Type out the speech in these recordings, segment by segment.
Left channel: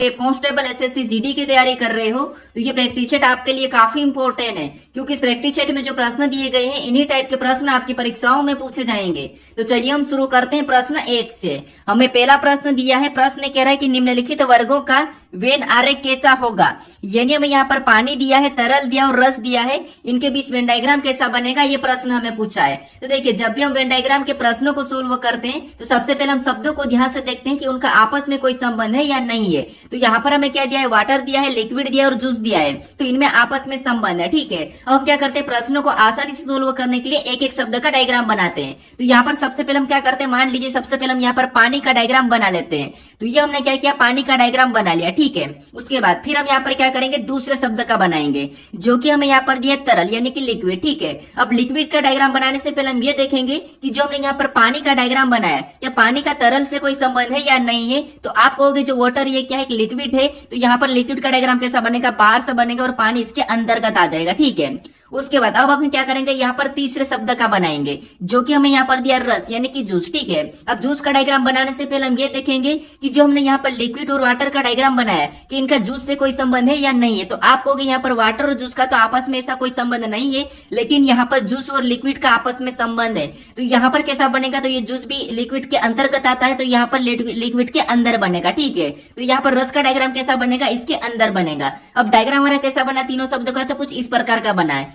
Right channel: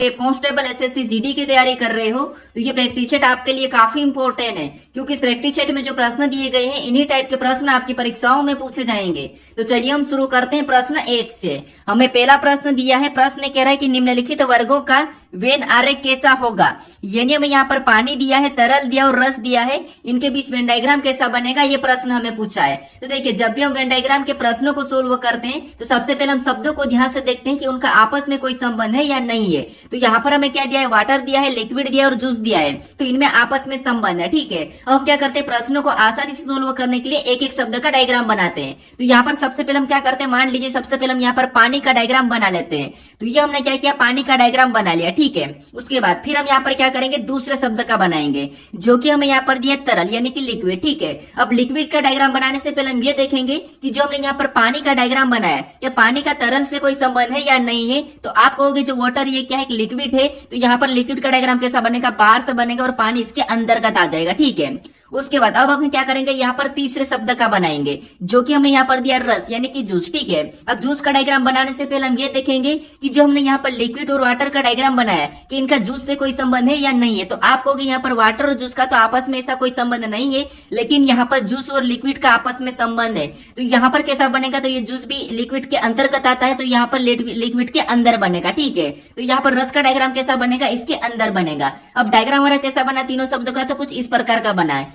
Constable SSC GD की तैयारी कर रहे हो तो ये प्रैक्टिस सेट आपके लिए काफी इंपॉर्टेंट है, क्योंकि इस प्रैक्टिस सेट में जो प्रश्न दिए गए हैं इन्हीं टाइप के प्रश्न आपकी परीक्षाओं में पूछे जाएंगे। तो चलिए हम शुरू करते हैं प्रश्न 1 से। हमें पहला प्रश्न दिया है, प्रश्न कह रहा है कि निम्नलिखित वर्गों का वेन आरेख कैसा होगा। यानी हमें यहाँ पर पानी दिया है, तरल दिया और रस दिया है, इनके बीच वेन डायग्राम कैसा बनेगा ये प्रश्न हमें पूछा है। तो देखिए, जब भी हम वेन डायग्राम के प्रश्नों को सोल्व करते हैं तो सबसे पहले हम शब्दों को ध्यान से देखते हैं कि उनका आपस में कोई संबंध है या नहीं है। तो यहाँ पर हमें क्या दिया है, वाटर दिया है, लिक्विड दिया है और जूस दिया है, तो इनमें आपस में संबंध है। ठीक है, अब हम क्या करते हैं, प्रश्नों को आसानी से सोल्व करने के लिए एक एक शब्द का डायग्राम बनाते हैं। तो यहाँ पर सबसे पहले हम क्या करते हैं, मान लीजिए सबसे पहले हम यहाँ पर पानी का डायग्राम बना लेते हैं। तो ये हमने क्या किया, पानी का डायग्राम बना लिया। ठीक है, उसके बाद फिर हम यहाँ पर क्या करेंगे, दूसरे शब्द का बनाएंगे जो कि हमें यहाँ पर दिया तरल यानी कि लिक्विड। ठीक है, अब लिक्विड का डायग्राम बनाने से पहले हम ये देखेंगे कि जो हमने यहाँ पर पानी का डायग्राम बनाया क्या पानी का तरल से कोई संबंध है या नहीं है। तो आप कहोगे जो वाटर ये क्या है, लिक्विड है, तो यहाँ पर लिक्विड का डायग्राम कैसा बनेगा, बाहर से बनेगा और पानी इसके अंतर्गत आ जाएगा। ठीक है, उसके बाद अब हम क्या करेंगे, यहाँ पर तीसरे शब्द का बनाएंगे जो कि हमें यहाँ पर दिया रस यानी कि जूस। ठीक है, अब जूस का डायग्राम बनाने से पहले हम ये देखेंगे कि जो हमने यहाँ पर लिक्विड और वाटर का डायग्राम बनाया कि इनका जूस से कोई संबंध है या नहीं है। तो आप कहोगे यहाँ पर वाटर और जूस का तो आपस में ऐसा कोई संबंध नहीं है, लेकिन यहाँ पर जूस और लिक्विड का आपस में संबंध है। तो यहाँ पर कैसा बनेगा, तो ये जूस भी लिक्विड के अंतर्गत आता है, तो यहाँ पर लिक्विड के अंदर बनेगा। ठीक है, तो यहाँ पर रस का डायग्राम कैसा बनेगा, इसके अंदर बनेगा। अब डायग्राम हमारा कैसा बना, तीनों शब्दों का तो कुछ इस प्रकार का बना है।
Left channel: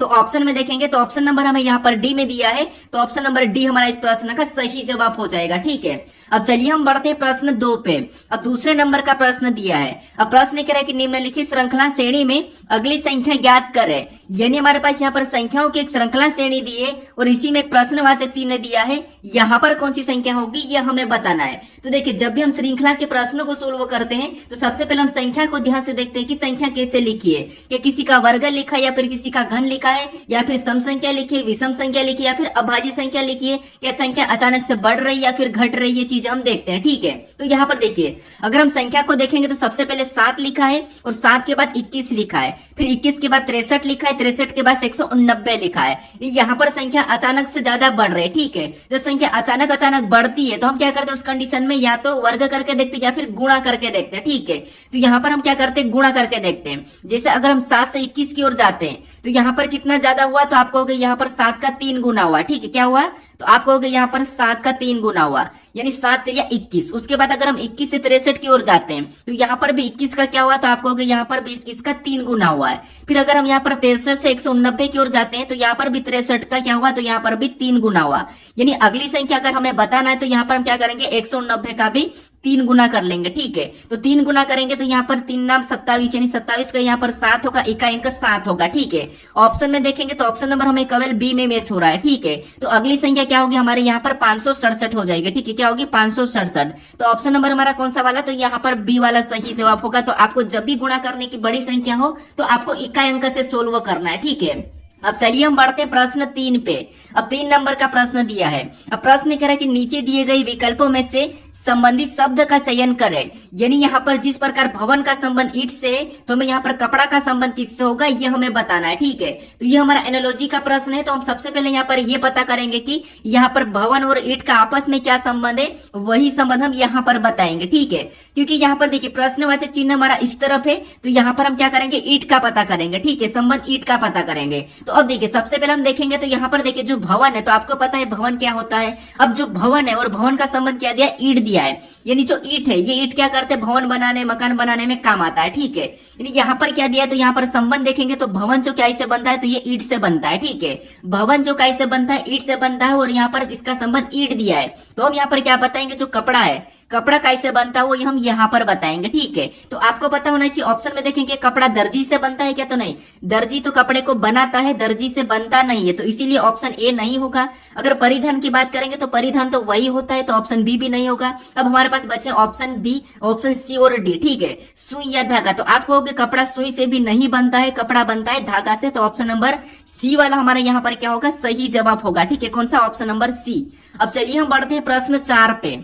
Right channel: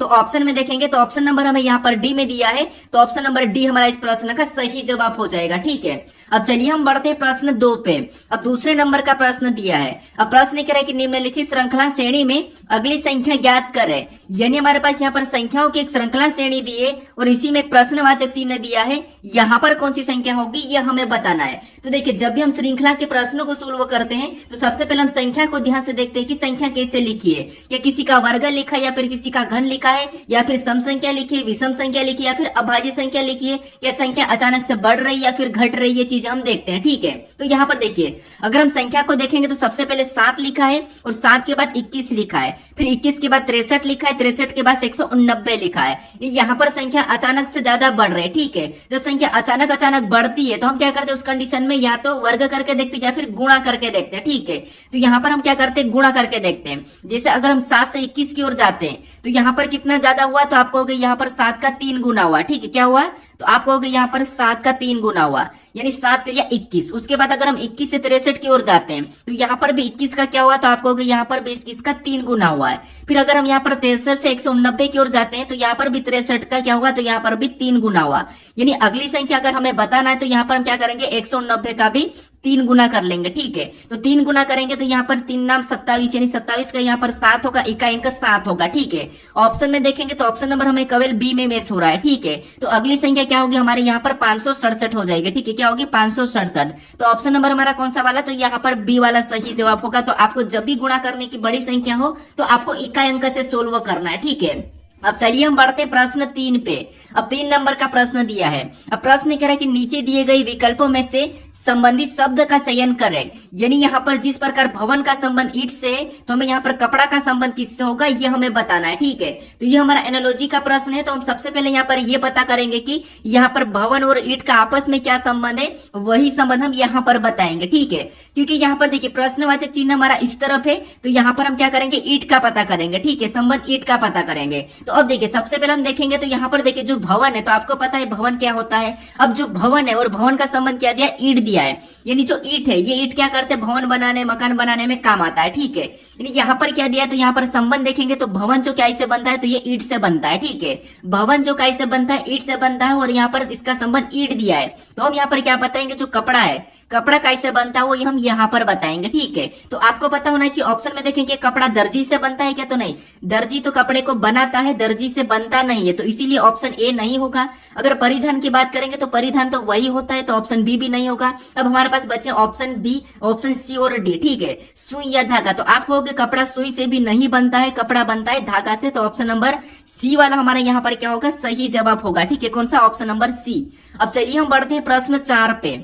तो ऑप्शन में देखेंगे तो ऑप्शन नंबर हमें यहाँ पर डी में दिया है, तो ऑप्शन नंबर डी हमारा इस प्रश्न का सही जवाब हो जाएगा। ठीक है, अब चलिए हम बढ़ते हैं प्रश्न 2 पे। अब दूसरे नंबर का प्रश्न दिया है। अब प्रश्न कह रहा है कि निम्नलिखित श्रृंखला श्रेणी में अगली संख्या ज्ञात करें। यानी हमारे पास यहाँ पर संख्याओं की एक श्रृंखला श्रेणी दी है और इसी में एक प्रश्नवाचक चिन्ह दिया है। यहाँ पर कौन सी संख्या होगी ये हमें बताना है। तो देखिए, जब भी हम श्रृंखला के प्रश्नों को सोल्व करते हैं तो सबसे पहले हम संख्या को ध्यान से देखते हैं कि संख्या कैसे लिखी है, या किसी का वर्ग लिखा है या फिर किसी का घन लिखा है, या फिर सम संख्या लिखी है, विषम संख्या लिखी है, या फिर अभाज्य संख्या लिखी है, या संख्या अचानक से बढ़ रही है या फिर घट रही है, चीज हम देखते हैं। ठीक है, तो यहाँ पर देखिए, अगर हम संख्या को देखेंगे तो सबसे पहले 7 लिखा है और 7 के बाद 21 लिखा है, फिर 21 के बाद 63 लिखा है, 63 के बाद 189 लिखा है। यहाँ पर संख्या अचानक से ज्यादा बढ़ रही है। ठीक है, जब संख्या अचानक बढ़ती है तो हम क्या करते हैं, उस कंडीशन में या तो वर्ग करके देखते हैं या फिर गुणा करके देखते हैं। ठीक है, तो यहाँ पर हम क्या करते हैं, गुणा करके देखते हैं। जैसे अगर हम 7 से 21 की ओर जाते हैं तो यहाँ पर कितना ज्यादा हुआ, तो आप कहोगे यहाँ पर 7 का 3 गुना हुआ। ठीक है, क्या हुआ, तो आप कहोगे यहाँ पर 7 का 3 गुना हुआ, यानी 7 या 21। उसके बाद अगर हम 21 से 63 की ओर जाते हैं तो यहाँ पर भी 21 का क्या हुआ, तो आप कहोगे यहाँ पर भी 21 का 3 गुना हुआ है। फिर अगर हम यहाँ पर 63 से 189 की ओर जाते हैं तो यहाँ पर भी 63 का क्या हुआ, तो यहाँ पर भी 3 गुना हुआ। यानी अगली संख्या अगर हमें बताना है तो यहाँ पर हम क्या करेंगे, 189 का भी 3 गुना कर लेंगे। ठीक है, तो 3 गुना करेंगे तो यहाँ पर 3 नाम 27, यानी 27 का यहाँ पर 7 होगा, इका अंक 7 होगा। ठीक है, ऑप्शन में देखेंगे तो ऑप्शन नंबर हमें केवल बी में मैच हो रहा है। ठीक है, तो अगली संख्या क्या होगी हमारे यहाँ पर 567 हो जाएगी। ठीक है, क्या होगी, 567। तो ऑप्शन नंबर हमारा कौन सा वाला, तो यहाँ पर बी वाला सही जवाब होगा। तो आपको जब भी गुणा करने की बड़ी संख्या हो तो आपको इकाई अंक से सोल्व करना है। ठीक है, अब चलिए हम बढ़ते हैं प्रश्न 3 पे। अब 3 नंबर का प्रश्न दिया है। अब प्रश्न कह रहा है कि नीचे दिए गए विकल्पों में से संबंधित शब्द का चयन करें। यानी यहाँ पर जिस प्रकार भवन का संबंध ईंट से है तो हमें यहाँ पर कपड़ा का संबंध किससे होगा ये हमें बताना है। ठीक है, तो ये हमारा एनालॉजी का प्रश्न है। तो हम सबसे पहले यहाँ पर ये पता करेंगे कि यहाँ पर भवन और ईंट का आपस में क्या संबंध है, वही संबंध हम यहाँ पर बताएंगे। ठीक है, क्योंकि यहाँ पर देखिए प्रश्नवाचक चिन्ह हमारा इस तरफ है, तो यहाँ पर हम क्या करेंगे, ईंट का पता करेंगे। ठीक है, संबंध ईंट का पता करेंगे। तो अब देखिए सबसे पहले हम देखेंगे तो यहाँ पर देखिए जो भवन है, तो आपको पता है भवन क्या होता है। अब जो भवन है और भवन का संबंध क्या दिया, ईंट दिया है। यानी जो ईंट है ये ईंट क्या करते हैं, भवन बनाने मकान बनाने में काम आता है। ठीक है, यानी यहाँ पर क्या दिया है, तो यहाँ पर संबंध देखेंगे तो भवन जो क्या से बनता है, तो ये ईंट से बनता है। ठीक है, भवन जो क्या से बनता है, ईंट से बनता है, और यहाँ पर इसका संबंध ईंट दिया है। तो हम यहाँ पर क्या बताएंगे, जो कपड़ा है, कपड़ा कैसे बनता है वो हम यहाँ पर बताएंगे। ठीक है, तो आपको पता होना चाहिए। ऑप्शन में देखेंगे कपड़ा दर्जी से बनता है क्या, तो नहीं, दर्जी तो कपड़े को बनाता है, दर्जी से बनता नहीं है, तो इसीलिए ऑप्शन ए नहीं होगा। अगर परिधान की बात करेंगे तो परिधान तो वही होता है, तो ऑप्शन बी भी नहीं होगा। अब हमारे पास बचे ऑप्शन बी, ऑप्शन सी और डी। ठीक है, सुई या धागा, तो आप कहोगे कपड़ा सुई से भी नहीं बनता है, कपड़ा बनता है धागा से, तो ऑप्शन नंबर सी वाला हमारे यहाँ पर क्या होगा, सही जवाब होगा। ठीक है, कौन सा, ऑप्शन नंबर सी। अब चलिए हम बढ़ते हैं प्रश्न 4 पे।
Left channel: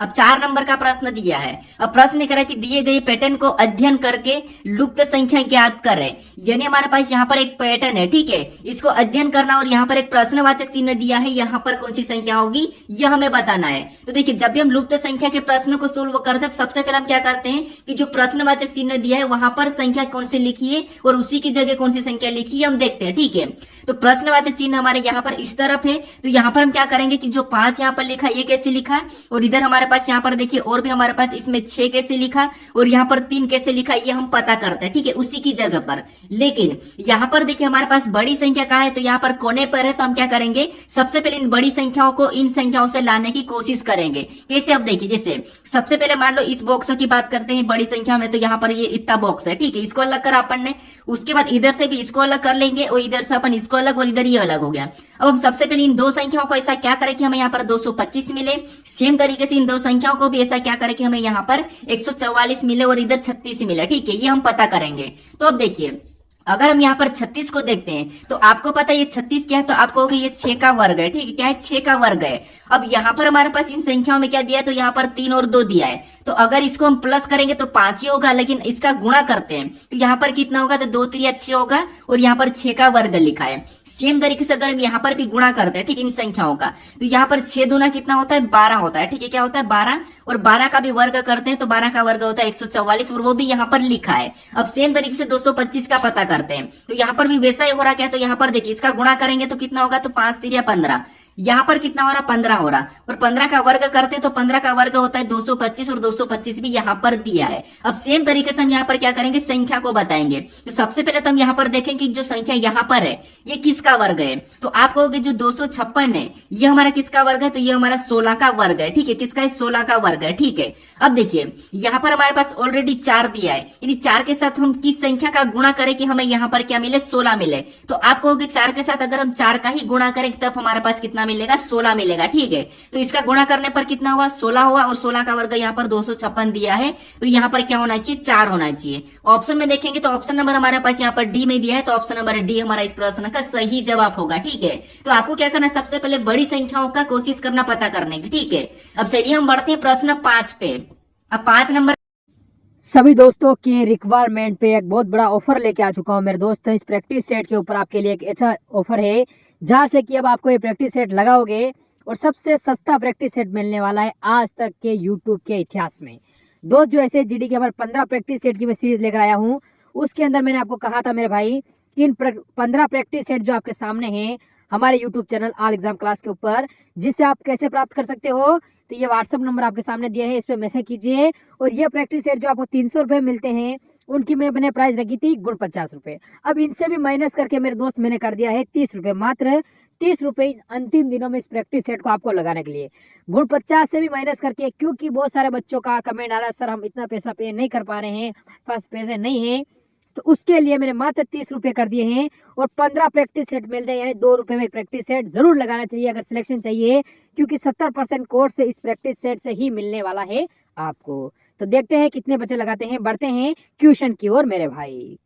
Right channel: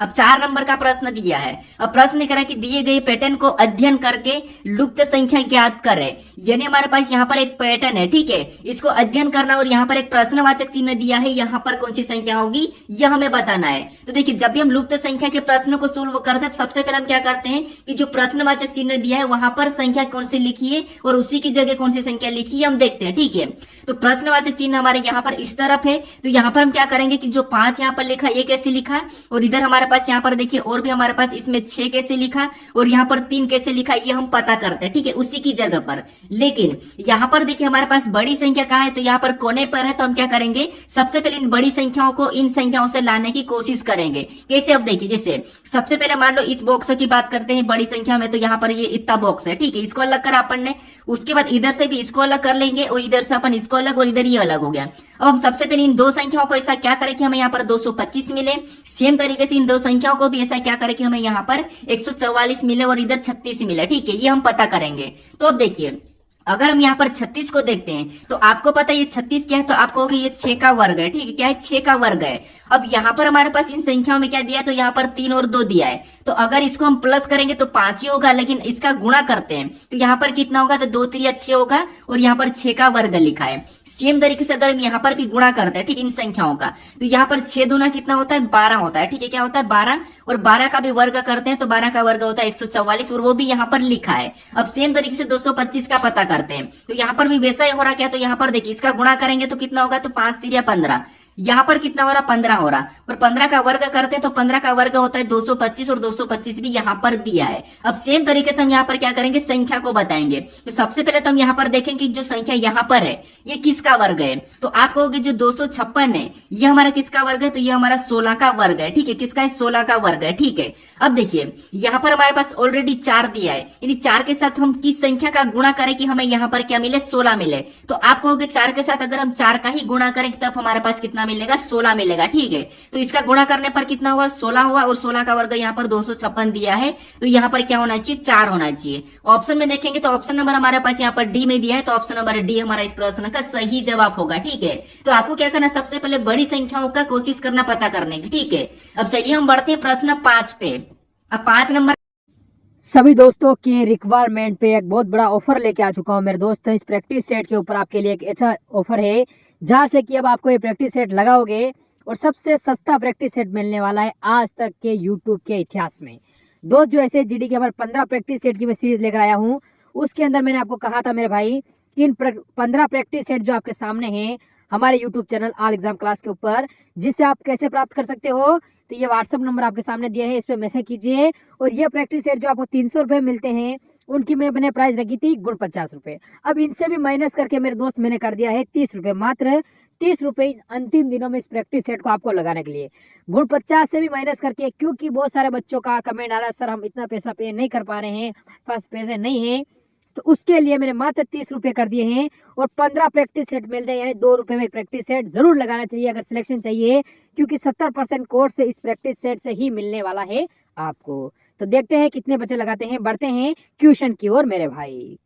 अब 4 नंबर का प्रश्न दिया है। अब प्रश्न करा कि दिए गए पैटर्न को अध्ययन करके लुप्त संख्या ज्ञात करें। यानी हमारे पास यहाँ पर एक पैटर्न है, ठीक है, इसको अध्ययन करना और यहाँ पर एक प्रश्नवाचक चिन्ह दिया है, यहाँ पर कौन सी संख्या होगी यह हमें बताना है। तो देखिए जब भी हम लुप्त संख्या के प्रश्न को सोल्व करते हैं तो सबसे पहले हम क्या करते हैं कि जो प्रश्नवाचक चिन्ह दिया है वहां पर संख्या कौन सी लिखी है और उसी की जगह कौन सी संख्या लिखी है हम देखते हैं, ठीक है। तो प्रश्नवाचक चिन्ह हमारे यहाँ पर इस तरफ है, तो यहाँ पर हम क्या करेंगे कि जो 5 यहाँ पर लिखा है ये कैसे लिखा है, और इधर हमारे पास यहाँ पर देखिए और भी हमारे पास इसमें 6 कैसे लिखा है और यहाँ पर 3 कैसे लिखा है ये हम पता करते हैं, ठीक है, उसी की जगह पर। लेकिन यहाँ पर देखिए हमारे पास बड़ी संख्या कहाँ है, तो यहाँ पर कोने पर है, तो हम क्या करेंगे सबसे पहले इन बड़ी संख्याओं को इन संख्याओं से लाने की कोशिश करेंगे। कैसे, अब देखिए जैसे सबसे पहले मान लो इस बॉक्स की बात करते हैं बड़ी संख्या में, तो यहाँ पर ये इतना बॉक्स है, ठीक है, इसको अलग करा अपन ने, उसके बाद इधर से भी इसको अलग कर लेंगे और इधर से अपन इसको अलग और इधर ये अलग हो गया। अब हम सबसे पहले इन दो संख्याओं को ऐसा क्या करें कि हमें यहाँ पर 225 मिले, सेम तरीके से इन दो संख्याओं को भी ऐसा क्या करें कि हमें यहाँ पर 144 मिले और इधर 36 मिले, ठीक है, ये हम पता करेंगे। तो अब देखिए अगर हम यहाँ पर 36 को देखते हैं तो आपको पता है ये 36 क्या है, तो आपको होगा ये 6 का वर्ग है, ठीक है, क्या है 6 का वर्ग है। अब यहाँ पर हमारे पास इन संख्याओं में क्या दिया है, तो यहाँ पर 3 और 2 दिया है, तो अगर इसको हम प्लस करेंगे तो 5 ही होगा, लेकिन इसका गुणा करते हैं तो यहाँ पर कितना होगा, तो 2 3 6 होगा और यहाँ पर 6 का वर्ग लिखा है। सेम तरीके से अगर हम यहाँ पर भी गुणा करते हैं, ठीक, इन संख्याओं का, तो यहाँ पर 6 दूना कितना होता है 12 होता है, ठीक है, क्या होता है 12, और 12 का भी वर्ग करते हैं तो 12 का वर्ग होता है 144 और वो भी यहाँ पर लिखा है। अब सेम तरीके से 225 का पता करते हैं तो यहाँ पर भी वैसा ही हो रहा क्या, तो यहाँ पर देखिए इसका गुणा करेंगे तो कितना होगा, तो 5 3 15, यहाँ पर कितना हो रहा 15 हो रहा, और 15 का वर्ग करते हैं तो 15 का वर्ग होता है 225 और 225 भी यहाँ पर दिया है। अब सेम तरीके से हम यहाँ पर क्या करेंगे संख्या को बताएंगे। तो सबसे पहले तो हम यहाँ पर देखेंगे कि जो संख्या यहाँ पर है ये किसका वर्ग है, तो आप कहोगे जो 256 है ये हमारा किसका वर्ग है, तो ये हमारा 16 का वर्ग है, ठीक है, किसका है 16 का वर्ग है, ठीक है। अब देखिए यहाँ पर हमारे पास ऑलरेडी 4 दिया है, यानी 4 के साथ हम किस संख्या का गुणा करें कि हमें यहाँ पर क्या मिले 16 मिले, तो आप कहोगे 4 के साथ अगर हम 4 का ही गुणा करें तब हमारे पास कितना मिलेगा 16 मिलेगा, ठीक है। तो इसका गुणा करने पर कितना हुआ 16 हुआ और 16 का वर्ग यहाँ पर 256 दिया है, तो यहाँ पर क्या होना चाहिए 4 होना चाहिए। ऑप्शन में देखेंगे तो ऑप्शन नंबर हमारे पास यहाँ पर डी में दिया है, तो ऑप्शन नंबर डी हमारा इस प्रश्न का सही जवाब होगा, ठीक है। तो आपको क्या करना सबसे पहले बड़ी संख्याओं का कोशिश करना पता करने की, ठीक है। अब चलिए हम बढ़ते हैं प्रश्न 5 पे। अब 5 नंबर सभी दोस्तों की रिक्वायरमेंट पे एक बहुत बड़ा ऑफर लेके आ चुका हूँ मेरे दोस्त। इस प्रैक्टिस सेट के ऊपर आपके लिए एक अच्छा ऑफर है जहाँ से कि अब आपको ये प्रैक्टिस सेट लगाओगे और सबसे सस्ता प्रैक्टिस सेट मिलने वाला है आज तक के यूट्यूब के इतिहास में। दोस्त जो ऐसे जीडी के हमारे 15 प्रैक्टिस सेट की मैं सीरीज लेकर आया हूँ, उसके अंदर मैंने आपको कहा था मेरे भाई कि इन 15 प्रैक्टिस सेट जो आपके सामने हैं हमारे YouTube channel all exam class के ऊपर, जिससे आप कैसे प्राप्त कर सकते हो, तो ये व्हाट्सअप नंबर आपके सामने दिया है, इस पर मैसेज कीजिए। और ये प्रैक्टिस सेट जो आपको 300 रुपये मिलते हैं उनकी मैंने प्राइस रखी थी गुण 50 रुपये। अब इनसे भी माइनस करके मेरे दोस्त मैंने कर दिया है 30 रुपये, मात्र 30 रुपये अंतिम दिनों में इस प्रैक्टिस सेट को आपको लगाने के लिए। गुण 50 से भी माइनस करके, क्योंकि बहुत सारे बच्चों का कमेंट आ रहा है सर हम इतना पैसा पे नहीं कर पा रहे हैं, पास पैसे नहीं है, तो उसके लिए मैंने मात्र 30 रुपये कर दिए हैं और 15 प्रैक्टिस सेट मिलते हैं, यानी 2 रुपये में प्रैक्टिस सेट जरूर लगाना चाहिए अगर सिलेक्शन चाहिए, क्योंकि 70% कोर्स से इस प्रैक्टिस सेट से ही मिलने वाला है आपको। तो देखते हैं कितने बच्चे लगाते हैं, बढ़ते हैं क्वेश्चन की ओर मेरे भाई।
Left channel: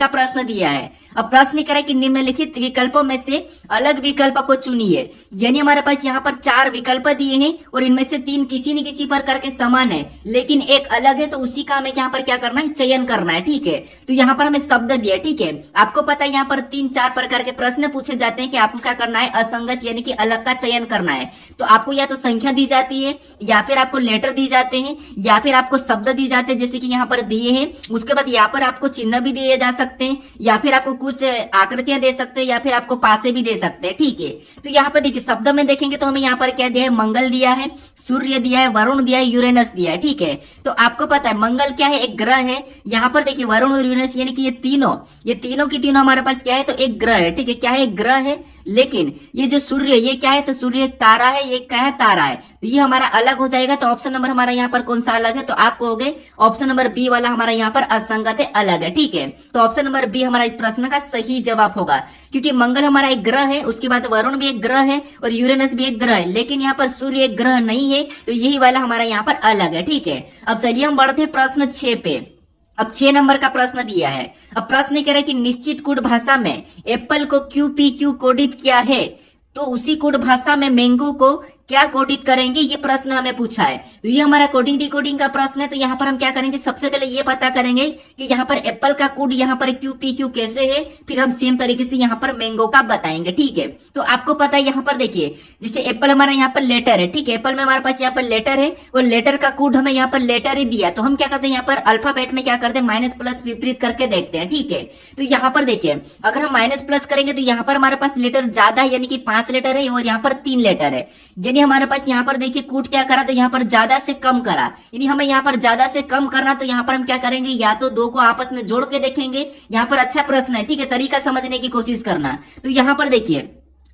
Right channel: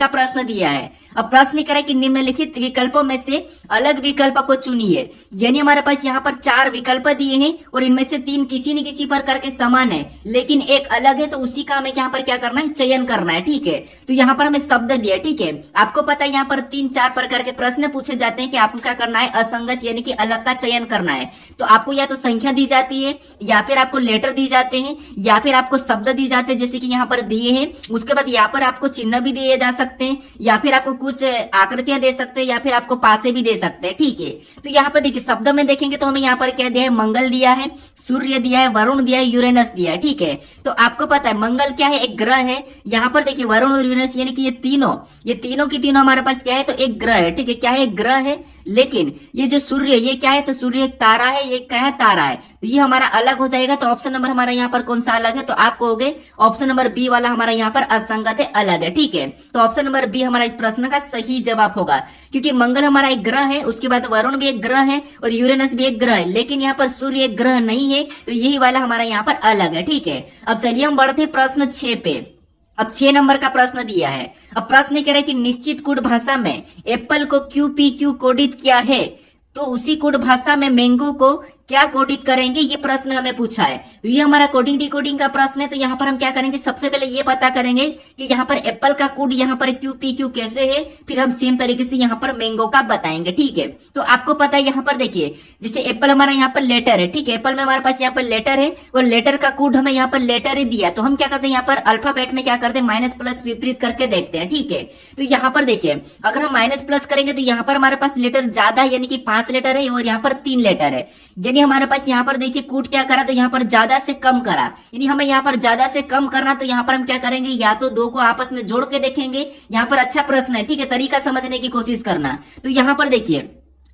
का प्रश्न दिया है। अब प्रश्न करें कि निम्नलिखित विकल्पों में से अलग विकल्प को चुनिए। यानी हमारे पास यहाँ पर 4 विकल्प दिए हैं और इनमें से 3 किसी न किसी प्रकार के समान है, लेकिन एक अलग है, तो उसी का हमें यहाँ पर क्या करना है चयन करना है, ठीक है। तो यहाँ पर हमें शब्द दिया, ठीक है। आपको पता है यहाँ पर 3-4 प्रकार के प्रश्न पूछे जाते हैं कि आपको क्या करना है असंगत यानी कि अलग का चयन करना है। तो आपको या तो संख्या दी जाती है या फिर आपको लेटर दी जाते हैं या फिर आपको शब्द दी जाते हैं जैसे कि यहाँ पर दिए हैं। उसके बाद यहाँ पर आपको चिन्ह भी दिए जा सकते हैं या फिर आपको कुछ आकृतियां दे सकते हैं या फिर आपको पासे भी दे सकते हैं, ठीक है। तो यहाँ पर देखिए शब्द में देखेंगे तो हमें यहाँ पर क्या दिया है मंगल दिया है, सूर्य दिया है, वरुण दिया है, यूरेनस दिया है, ठीक है। तो आपको पता है मंगल क्या है एक ग्रह है, यहाँ पर देखिए वरुण और यूरेनस यानी कि ये तीनों की तीनों हमारे पास क्या है तो एक ग्रह है, ठीक है, क्या है एक ग्रह है। लेकिन ये जो सूर्य ये क्या है तो सूर्य एक तारा है, ये क्या है तारा है, तो ये हमारा अलग हो जाएगा। तो ऑप्शन नंबर हमारा यहाँ पर कौन सा अलग है, तो आप कहोगे ऑप्शन नंबर बी वाला हमारा यहाँ पर असंगत है, अलग है, ठीक है। तो ऑप्शन नंबर बी हमारा इस प्रश्न का सही जवाब होगा, क्योंकि मंगल हमारा एक ग्रह है, उसके बाद वरुण भी एक ग्रह है और यूरेनस भी एक ग्रह है, लेकिन यहाँ पर सूर्य एक ग्रह नहीं है, तो यही वाला हमारा यहाँ पर अलग है, ठीक है। अब चलिए हम बढ़ते हैं प्रश्न 6 पे। अब 6 नंबर का प्रश्न दिया है। अब प्रश्न कह रहा है कि निश्चित कोड भाषा में एप्पल को QPQ कोडित किया है, तो उसी कोड भाषा में मैंगो को क्या कोडित करेंगे, ये प्रश्न हमें पूछा है। तो ये हमारा कोडिंग डिकोडिंग का प्रश्न है। तो यहाँ पर हम क्या करेंगे, सबसे पहले ये पता करेंगे कि यहाँ पर एप्पल का कोड यहाँ पर QPQ कैसे है, फिर हम सेम तरीके से यहाँ पर मैंगो का बताएंगे। ठीक है, तो आपको पता है यहाँ पर देखिए, जैसे एप्पल हमारा यहाँ पर लेटर है, ठीक है, एप्पल में हमारे पास यहाँ पर लेटर है और लेटर का कोड हमें यहाँ पर लेटर ही दिया, तो हम क्या करते हैं यहाँ पर अल्फाबेट में क्या करते हैं, माइनस प्लस विपरीत करके देखते हैं। ठीक है, तो यहाँ पर देखिए, अगर हम माइनस प्लस करेंगे तो यहाँ पर हमारे पास लेटर ज्यादा है, यानी कि 5 लेटर है और यहाँ पर 3 लेटर है, यानी हमारे पास यहाँ पर देखिए कोड क्या करा, तो यहाँ पर ज्यादा से कम करा, यानी हमें यहाँ पर ज्यादा से कम करना, तो यहाँ पर हम क्या करेंगे, या तो दो को आपस में जोड़ के देखेंगे। यहाँ पर अच्छा प्रश्न है, ठीक है, तरीका समझने की कोशिश करना। तो यहाँ पर देखिए,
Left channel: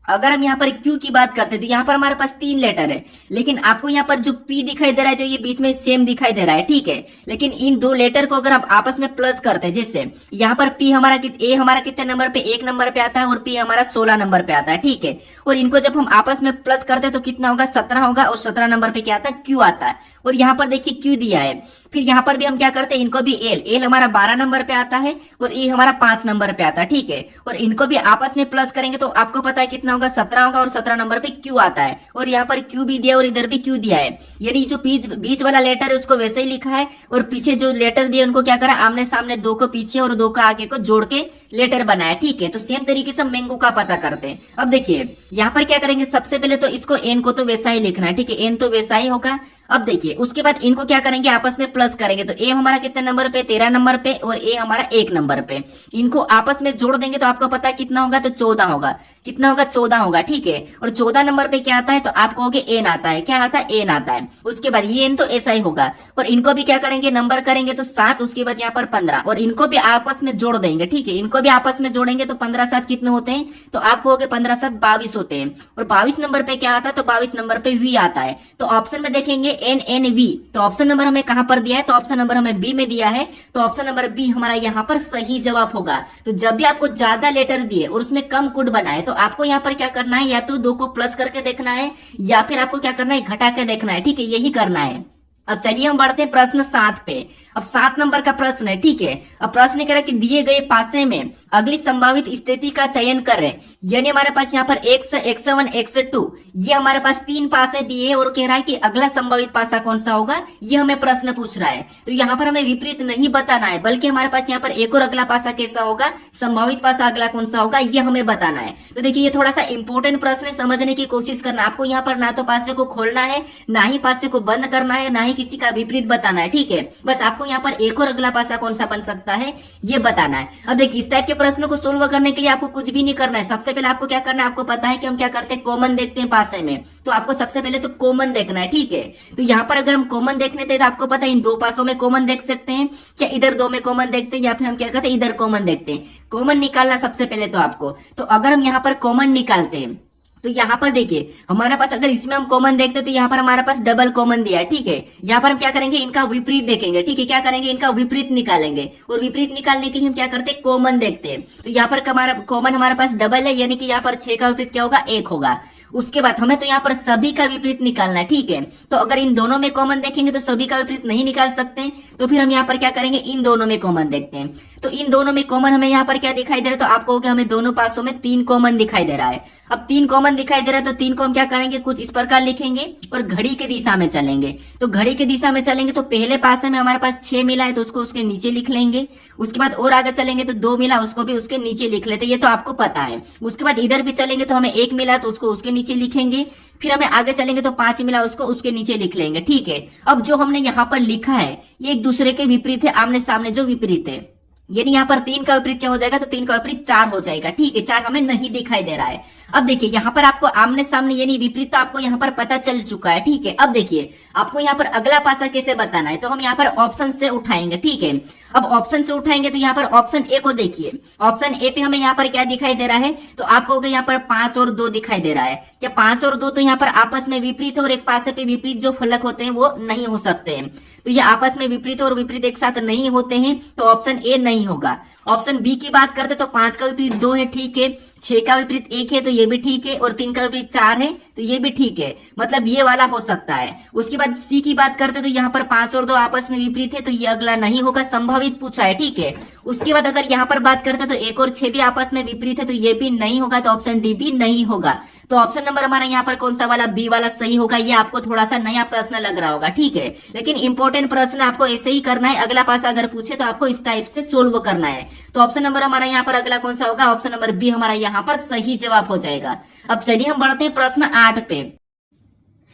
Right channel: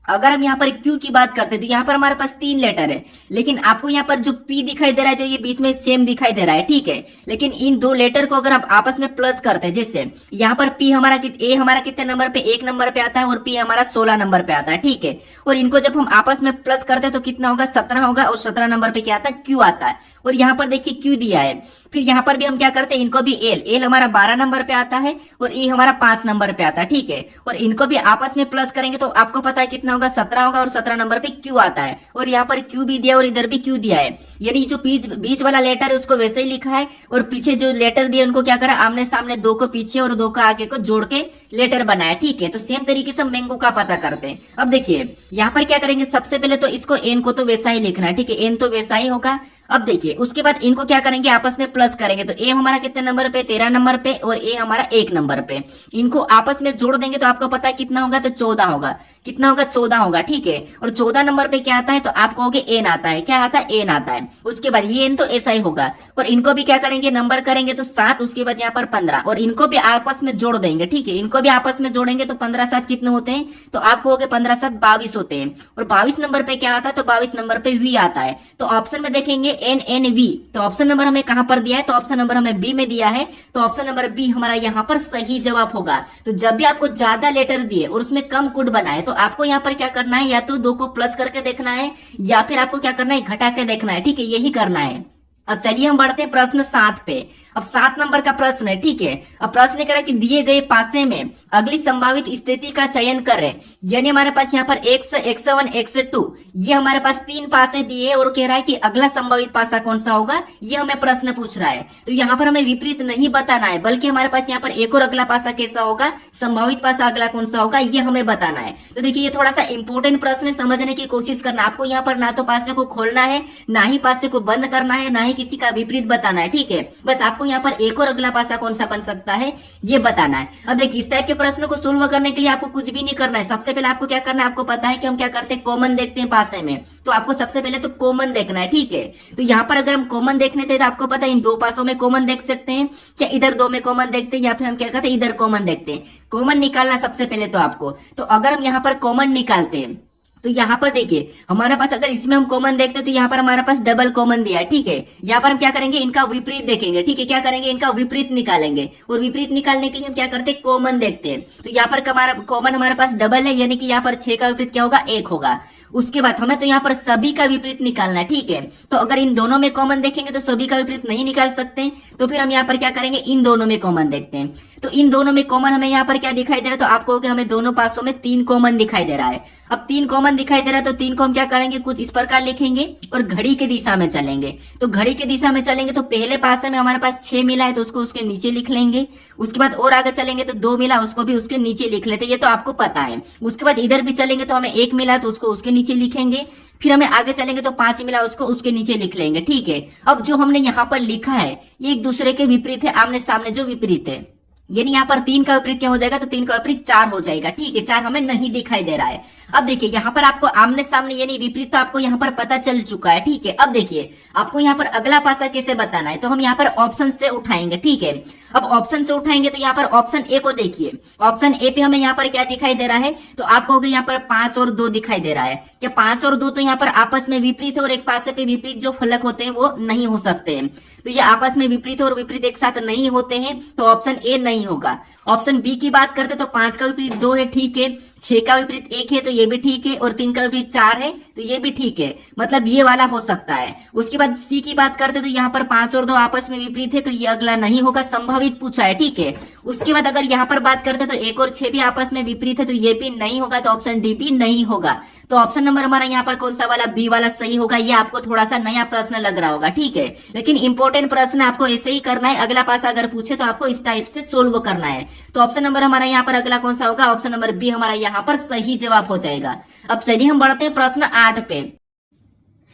अगर हम यहाँ पर क्यू की बात करते हैं तो यहाँ पर हमारे पास 3 लेटर है, लेकिन आपको यहाँ पर जो पी दिखाई दे रहा है तो ये बीच में सेम दिखाई दे रहा है। ठीक है, लेकिन इन 2 लेटर को अगर हम आपस में प्लस करते हैं, जैसे यहाँ पर पी हमारा ए हमारा कितने नंबर पे, 1 नंबर पे आता है और पी हमारा 16 नंबर पे आता है। ठीक है, और इनको जब हम आपस में प्लस करते हैं तो कितना होगा, 17 होगा और 17 नंबर पे क्या आता है, क्यू आता है। और यहाँ पर देखिए क्यू दिया है, फिर यहाँ पर भी हम क्या करते हैं, इनको भी एल हमारा 12 नंबर पे आता है और ए हमारा 5 नंबर पे आता है। ठीक है, और इनको भी आपस में प्लस करेंगे तो आपको पता है कितना होगा, 17 होगा और 17 नंबर पे क्यू आता है। और यहाँ पर क्यू भी दिया और इधर भी क्यू दिया है, यानी जो बीच वाला लेटर है उसको वैसे ही लिखा है और पीछे जो लेटर दिए उनको क्या करा, आमने सामने 2 को पीछे और 2 को आगे को जोड़ के लेटर बनाया। ठीक है, तो सेम तरीके से मैंगो का पता करते हैं। अब देखिए यहाँ पर क्या करेंगे, सबसे पहले तो इसको एन को तो वैसा ही लिखना है। ठीक है, एन तो वैसा ही होगा। अब देखिए उसके बाद इनको क्या करेंगे, आपस में प्लस करेंगे, तो ए हमारा कितने नंबर पे, 13 नंबर पे और ए हमारा 1 नंबर पे, इनको आपस में जोड़ देंगे तो आपको पता है कितना होगा, तो 14 होगा। कितना होगा, 14 होगा। ठीक है, और 14 नंबर पे क्या आता है, तो आप कहोगे एन आता है, क्या आता है, एन आता है। उसके बाद ये एन तो ऐसा ही होगा, और इनको भी क्या करेंगे, नंबर करेंगे तो 7, उसके बाद यहाँ पर 15 और इनको भी आपस में जोड़ देंगे। ठीक है, इनको भी आपस में जोड़ेंगे तो 15 7 कितने होते हैं, तो आप कहोगे 15 7 22 होते हैं। और 22 नंबर पे क्या आता है, तो 22 नंबर पे वी आता है। तो ऑप्शन में देखेंगे एन एन वी, तो ऑप्शन नंबर हमें कहां पर दिया है, तो ऑप्शन नंबर हमें बी में दिया है, तो ऑप्शन नंबर बी हमारा यहाँ पर सही जवाब होगा। तो जब भी आपको ज्यादा लेटर दिए और उसमें कम कोड बनाए तो आपको यहाँ पर क्या करना है, या तो 2 को प्लस करके देखना है या फिर आपको क्या करना है, घटा के देखना है। ठीक है, यही करना है। अब चलिए हम बढ़ते हैं प्रश्न 7 पे। अब 7 नंबर का प्रश्न है। ठीक है, अब प्रश्न कह रहा है कि दिए गए पासे में अगली संभावित स्थिति का चयन करें, यानी हमारे पास यहाँ पर x x1 x2 ये हमारे पास 3 पासे दिए और कह रहा है कि अगला संभावित पासा कौन सा होगा, ये हमें प्रश्न पूछ रहा है। तो यहाँ पर हमें विपरीत नहीं बताना है, बल्कि हमारे पास यहाँ पर एक और अगला पासा कैसा होगा, संभावित पासा अगला कौन सा होगा, ये हमें बताना है। तो देखिए ये थोड़ा सा इंपॉर्टेंट प्रश्न है, समझने की कोशिश करना। आपको यहाँ पर ना तो पासे को खोलना है, ना ही पासे को बंद करना है, ना ही किसी का विपरीत बताना है। ठीक है, बस आपको यहाँ पर एक और अगला पासा कौन सा बन सकता है ये बताना है। अब देखिए इस टाइप के प्रश्नों को सोल्व करने के लिए आपको कुछ भी नहीं करना है। सबसे पहले आपको क्या करना है, आपको पता है कि हम क्या करते हैं, कॉमन देखते हैं पासे में, तो आपको सबसे पहले तो कॉमन देखना है। ठीक है, तो यहाँ पर अगर हम कॉमन देखने थे तो आपको पता है इन 2 पासों में कॉमन देख सकते हैं, क्या इधर 2 में कॉमन देखते हैं, या फिर हम क्या करते हैं, इधर कॉमन देखते हैं। कॉमन निकालना सबसे पहले तो आपको, तो अगर हम यहाँ पर कॉमन निकालते हैं तो यहाँ पर देखिए हमारे पास अगर इसमें हम कॉमन देखते हैं तो यहाँ पर हमारे पास डबल कॉमन दिया है। ठीक है, यहाँ पर हम क्या करेंगे, इनका विपरीत देखेंगे। ठीक है, क्या करेंगे, इनका विपरीत निकालेंगे, और विपरीत निकालने के लिए हम क्या करते हैं, कॉमन देखते हैं। तो यहाँ पर कॉमन हमारे पास डबल है, यानी कि यहाँ पर 6 का विपरीत क्या होगा, 1 होगा। उसके बाद हमें तो यहाँ पर सभी का विपरीत निकालना है। ठीक है, तो अगर इन दोनों में कॉमन देखेंगे तो सभी का विपरीत नहीं निकाल सकते, तो फिर हम यहाँ पर क्या करेंगे, इन दोनों में कॉमन देखते हैं। तो इन दोनों में कॉमन हमें यहाँ पर क्या दिखाई दे रहा है, तो आप कहोगे हमें दोनों पासों में 3 कॉमन दिखाई दे रहा है। अब 3 कॉमन दिखाई दे रहा है तो 3 को हम क्या करेंगे, कुछ इस प्रकार लिखेंगे और घड़ी के दिशा में चलेंगे। तो घड़ी के दिशा में चलेंगे तो पहले पासे में हमारे पास 6 मिला है तो उसको उसके नीचे लिख लेंगे। उसके बाद और आगे चलेंगे तो 2 मिला, उसको भी उसके नीचे लिख लेते, ये तो आपको पता है। उसके बाद इधर भी चलेंगे तो हमें 1 मिला तो उसको उसके नीचे लिखेंगे। फिर हमें आगे चलेंगे तो 5 मिला, उसको उसके नीचे लिख लेंगे। ठीक है, अब जो हमने यहाँ पर लिखा है ये एक दूसरे के विपरीत है, आमने सामने जो विपरीत है, यानी यहाँ पर 3 का विपरीत क्या हो जाएगा, तो 3 का विपरीत 4 हो जाएगा। ठीक है, 4 हमें नहीं दिखाई दे रहा है। अब देखिए यहाँ पर आपको आमने सामने यानी विपरीत आपको यहाँ पर पता चल चुका है। ठीक है, अब देखिए आपको यहाँ पर अगला पासा कैसे बताना है, तो हम यहाँ पर ऑप्शन से उठाएंगे। ठीक है, अब ऑप्शन से उठाएंगे तो यहाँ पर ऑप्शन ए को देखिए, ऑप्शन ए पे हमें यहाँ पर क्या दिखाई दे रहा है, तो आप कहोगे यहाँ पर 5 और 2 दिखाई दे रहा है। क्या 5 और 2 तो यहाँ पर आपस में विपरीत है, और एक पासे पे विपरीत जो फलक होते हैं वो नहीं हो सकते हैं, तो ये आपस में विपरीत और विपरीत एक साथ नहीं होते हैं, तो ऑप्शन ए नहीं होगा। ऑप्शन बी की बात करते तो 5 का विपरीत 2 है, ठीक है, 6 का विपरीत 1 है, तो ये भी ठीक है, और 3 का विपरीत 4 है, तो ये भी ठीक है, मतलब ये वाला हो सकता है। उसके बाद सी की बात करते तो यहाँ पर 5 और 2 आपस में विपरीत है, तो ये अगला नहीं होगा, संभावित पूछा है, ठीक है। उसके बाद अगर यहाँ पर बात करते तो 1 और 6 भी आपस में विपरीत है, तो ये भी नहीं होगा, तो ऑप्शन डी भी नहीं होगा। तो ऑप्शन नंबर हमारा यहाँ पर कौन सा वाला, बी वाला सही होगा। ये आपको थोड़ा सा नया प्रश्न लग रहा होगा, ठीक है, लेकिन इंपॉर्टेंट प्रश्न आपको ऐसे ही करना है। अगला पास अगर पूछे तो आपको इस टाइप से सोल्व करना है। तो ऑप्शन नंबर हमारा यहाँ पर अगला कौन सा होगा, ऑप्शन नंबर बी हमारा यहाँ पर सही जवाब हो जाएगा। अब चलिए हम बढ़ते हैं प्रश्न 8 पे।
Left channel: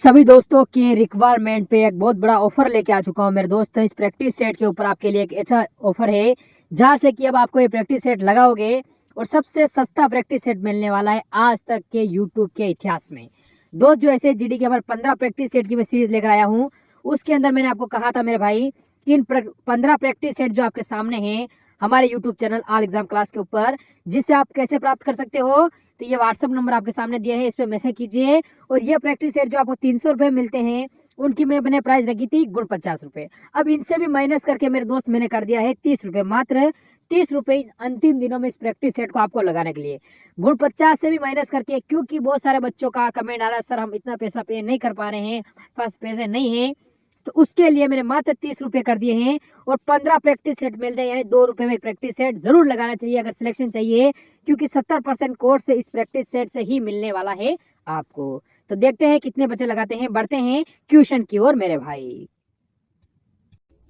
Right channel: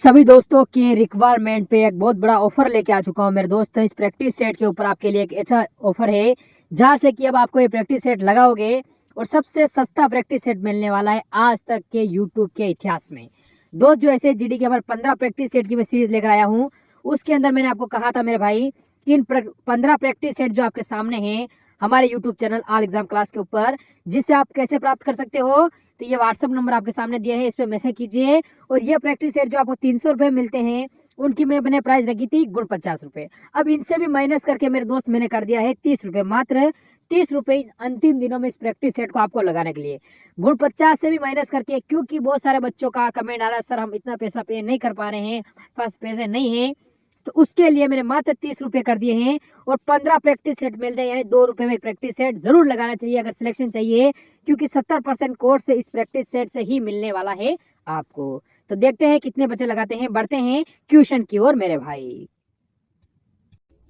सभी दोस्तों के रिक्वायरमेंट पे एक बहुत बड़ा ऑफर लेके आ चुका हूँ मेरे दोस्त। इस प्रैक्टिस सेट के ऊपर आपके लिए एक ऐसा ऑफर है जहाँ से कि अब आपको ये प्रैक्टिस सेट लगाओगे और सबसे सस्ता प्रैक्टिस सेट मिलने वाला है आज तक के यूट्यूब के इतिहास में। दोस्त जो ऐसे जीडी के हमारे 15 प्रैक्टिस सेट की मैं सीरीज लेकर आया हूँ, उसके अंदर मैंने आपको कहा था मेरे भाई कि इन 15 प्रैक्टिस सेट जो आपके सामने हैं हमारे YouTube channel all exam class के ऊपर, जिससे आप कैसे प्राप्त कर सकते हो, तो ये व्हाट्सअप नंबर आपके सामने दिया है, इस पर मैसेज कीजिए। और ये प्रैक्टिस सेट जो आपको 300 रुपये मिलते हैं, उनकी मैंने प्राइस रखी थी गुण 50 रुपये। अब इनसे भी माइनस करके मेरे दोस्त मैंने कर दिया है 30 रुपये, मात्र 30 रुपये अंतिम दिनों में इस प्रैक्टिस सेट को आपको लगाने के लिए। गुण 50 से भी माइनस करके, क्योंकि बहुत सारे बच्चों का कमेंट आ रहा है सर हम इतना पैसा पे नहीं कर पा रहे हैं, पास पैसे नहीं है, तो उसके लिए मैंने मात्र 30 रुपये कर दिए हैं। और 15 प्रैक्टिस सेट मिल रहे हैं, यानी 2 रुपये में प्रैक्टिस सेट जरूर लगाना चाहिए अगर सिलेक्शन चाहिए, क्योंकि 70% कोर्स इस प्रैक्टिस सेट से ही मिलने वाला है आपको। तो देखते हैं कितने बच्चे लगाते हैं, बढ़ते हैं क्वेश्चन की ओर मेरे भाई।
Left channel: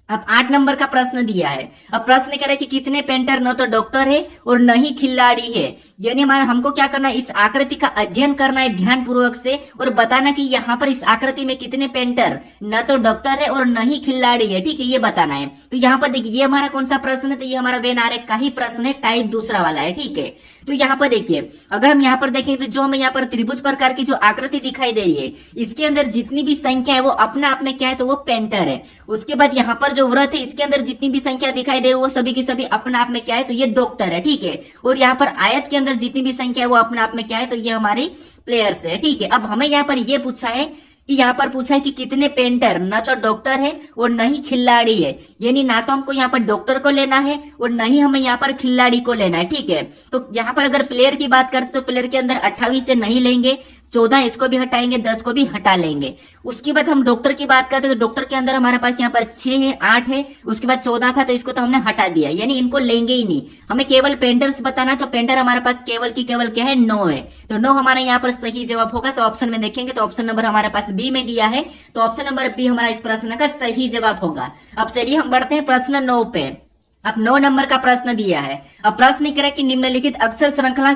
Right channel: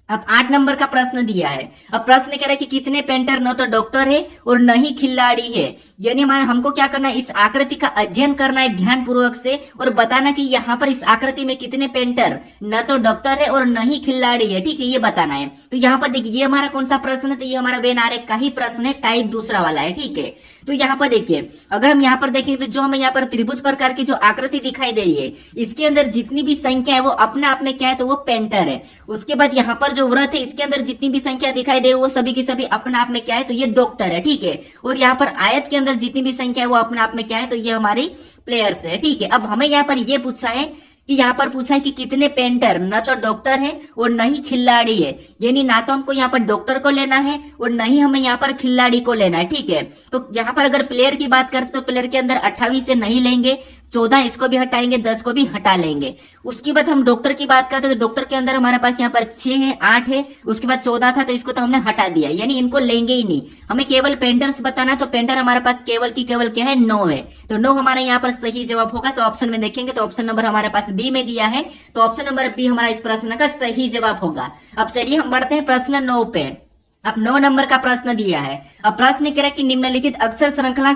अब 8 नंबर का प्रश्न दिया है। अब प्रश्न कह रहा है कि कितने पेंटर न तो डॉक्टर है और न ही खिलाड़ी है, यानी हमारा हमको क्या करना है, इस आकृति का अध्ययन करना है ध्यान पूर्वक से और बताना कि यहाँ पर इस आकृति में कितने पेंटर न तो डॉक्टर है और न ही खिलाड़ी है, ठीक है, ये बताना है। तो यहाँ पर देखिए ये हमारा कौन सा प्रश्न है, तो ये हमारा वेन आरेख का ही प्रश्न है, टाइप दूसरा वाला है, ठीक है। तो यहाँ पर देखिए अगर हम यहाँ पर देखें तो जो हमें यहाँ पर त्रिभुज प्रकार की जो आकृति दिखाई दे रही है, इसके अंदर जितनी भी संख्या है वो अपने आप में क्या है, तो वो पेंटर है। उसके बाद यहाँ पर जो व्रत है, इसके अंदर जितनी भी संख्या दिखाई दे रही है वो सभी की सभी अपने आप में क्या है, तो ये डॉक्टर है, ठीक है। और यहाँ पर आयत के अंदर जितनी भी संख्या है वो अपने आप में क्या है, तो ये हमारे प्लेयर्स है, ठीक है। अब हमें यहाँ पर ये पूछा है कि यहाँ पर पूछा है कि कितने पेंटर न तो डॉक्टर है और न ही खिलाड़ी है, यानी ना तो हमको यहाँ पर डॉक्टर को लेना है और न ही हमें यहाँ पर खिलाड़ी को लेना है, ठीक है। तो यहाँ पर अगर प्लेयर की बात करते तो प्लेयर के अंदर 28 से नहीं लेंगे, 14 इसको भी हटाएंगे, 10 को भी हटा लेंगे। उसके बाद हम डॉक्टर की बात करते तो डॉक्टर के अंदर हमारे पास यहाँ पर 6 है, 8 है, उसके बाद 14 था तो इसको तो हमने हटा दिया, यानी इनको लेंगे ही नहीं। हमें केवल पेंटर्स बताना, तो पेंटर हमारे पास केवल की केवल क्या है, 9 है। तो 9 हमारा यहाँ पर सही जवाब होगा। तो ऑप्शन में देखेंगे तो ऑप्शन नंबर हमारे पास बी में दिया है, तो ऑप्शन नंबर बी हमारा इस प्रश्न का सही जवाब होगा। अब चलिए हम बढ़ते हैं प्रश्न 9 पे। अब 9 नंबर का प्रश्न दिया है। अब प्रश्न कह रहा है कि निम्नलिखित अक्षर श्रृंखला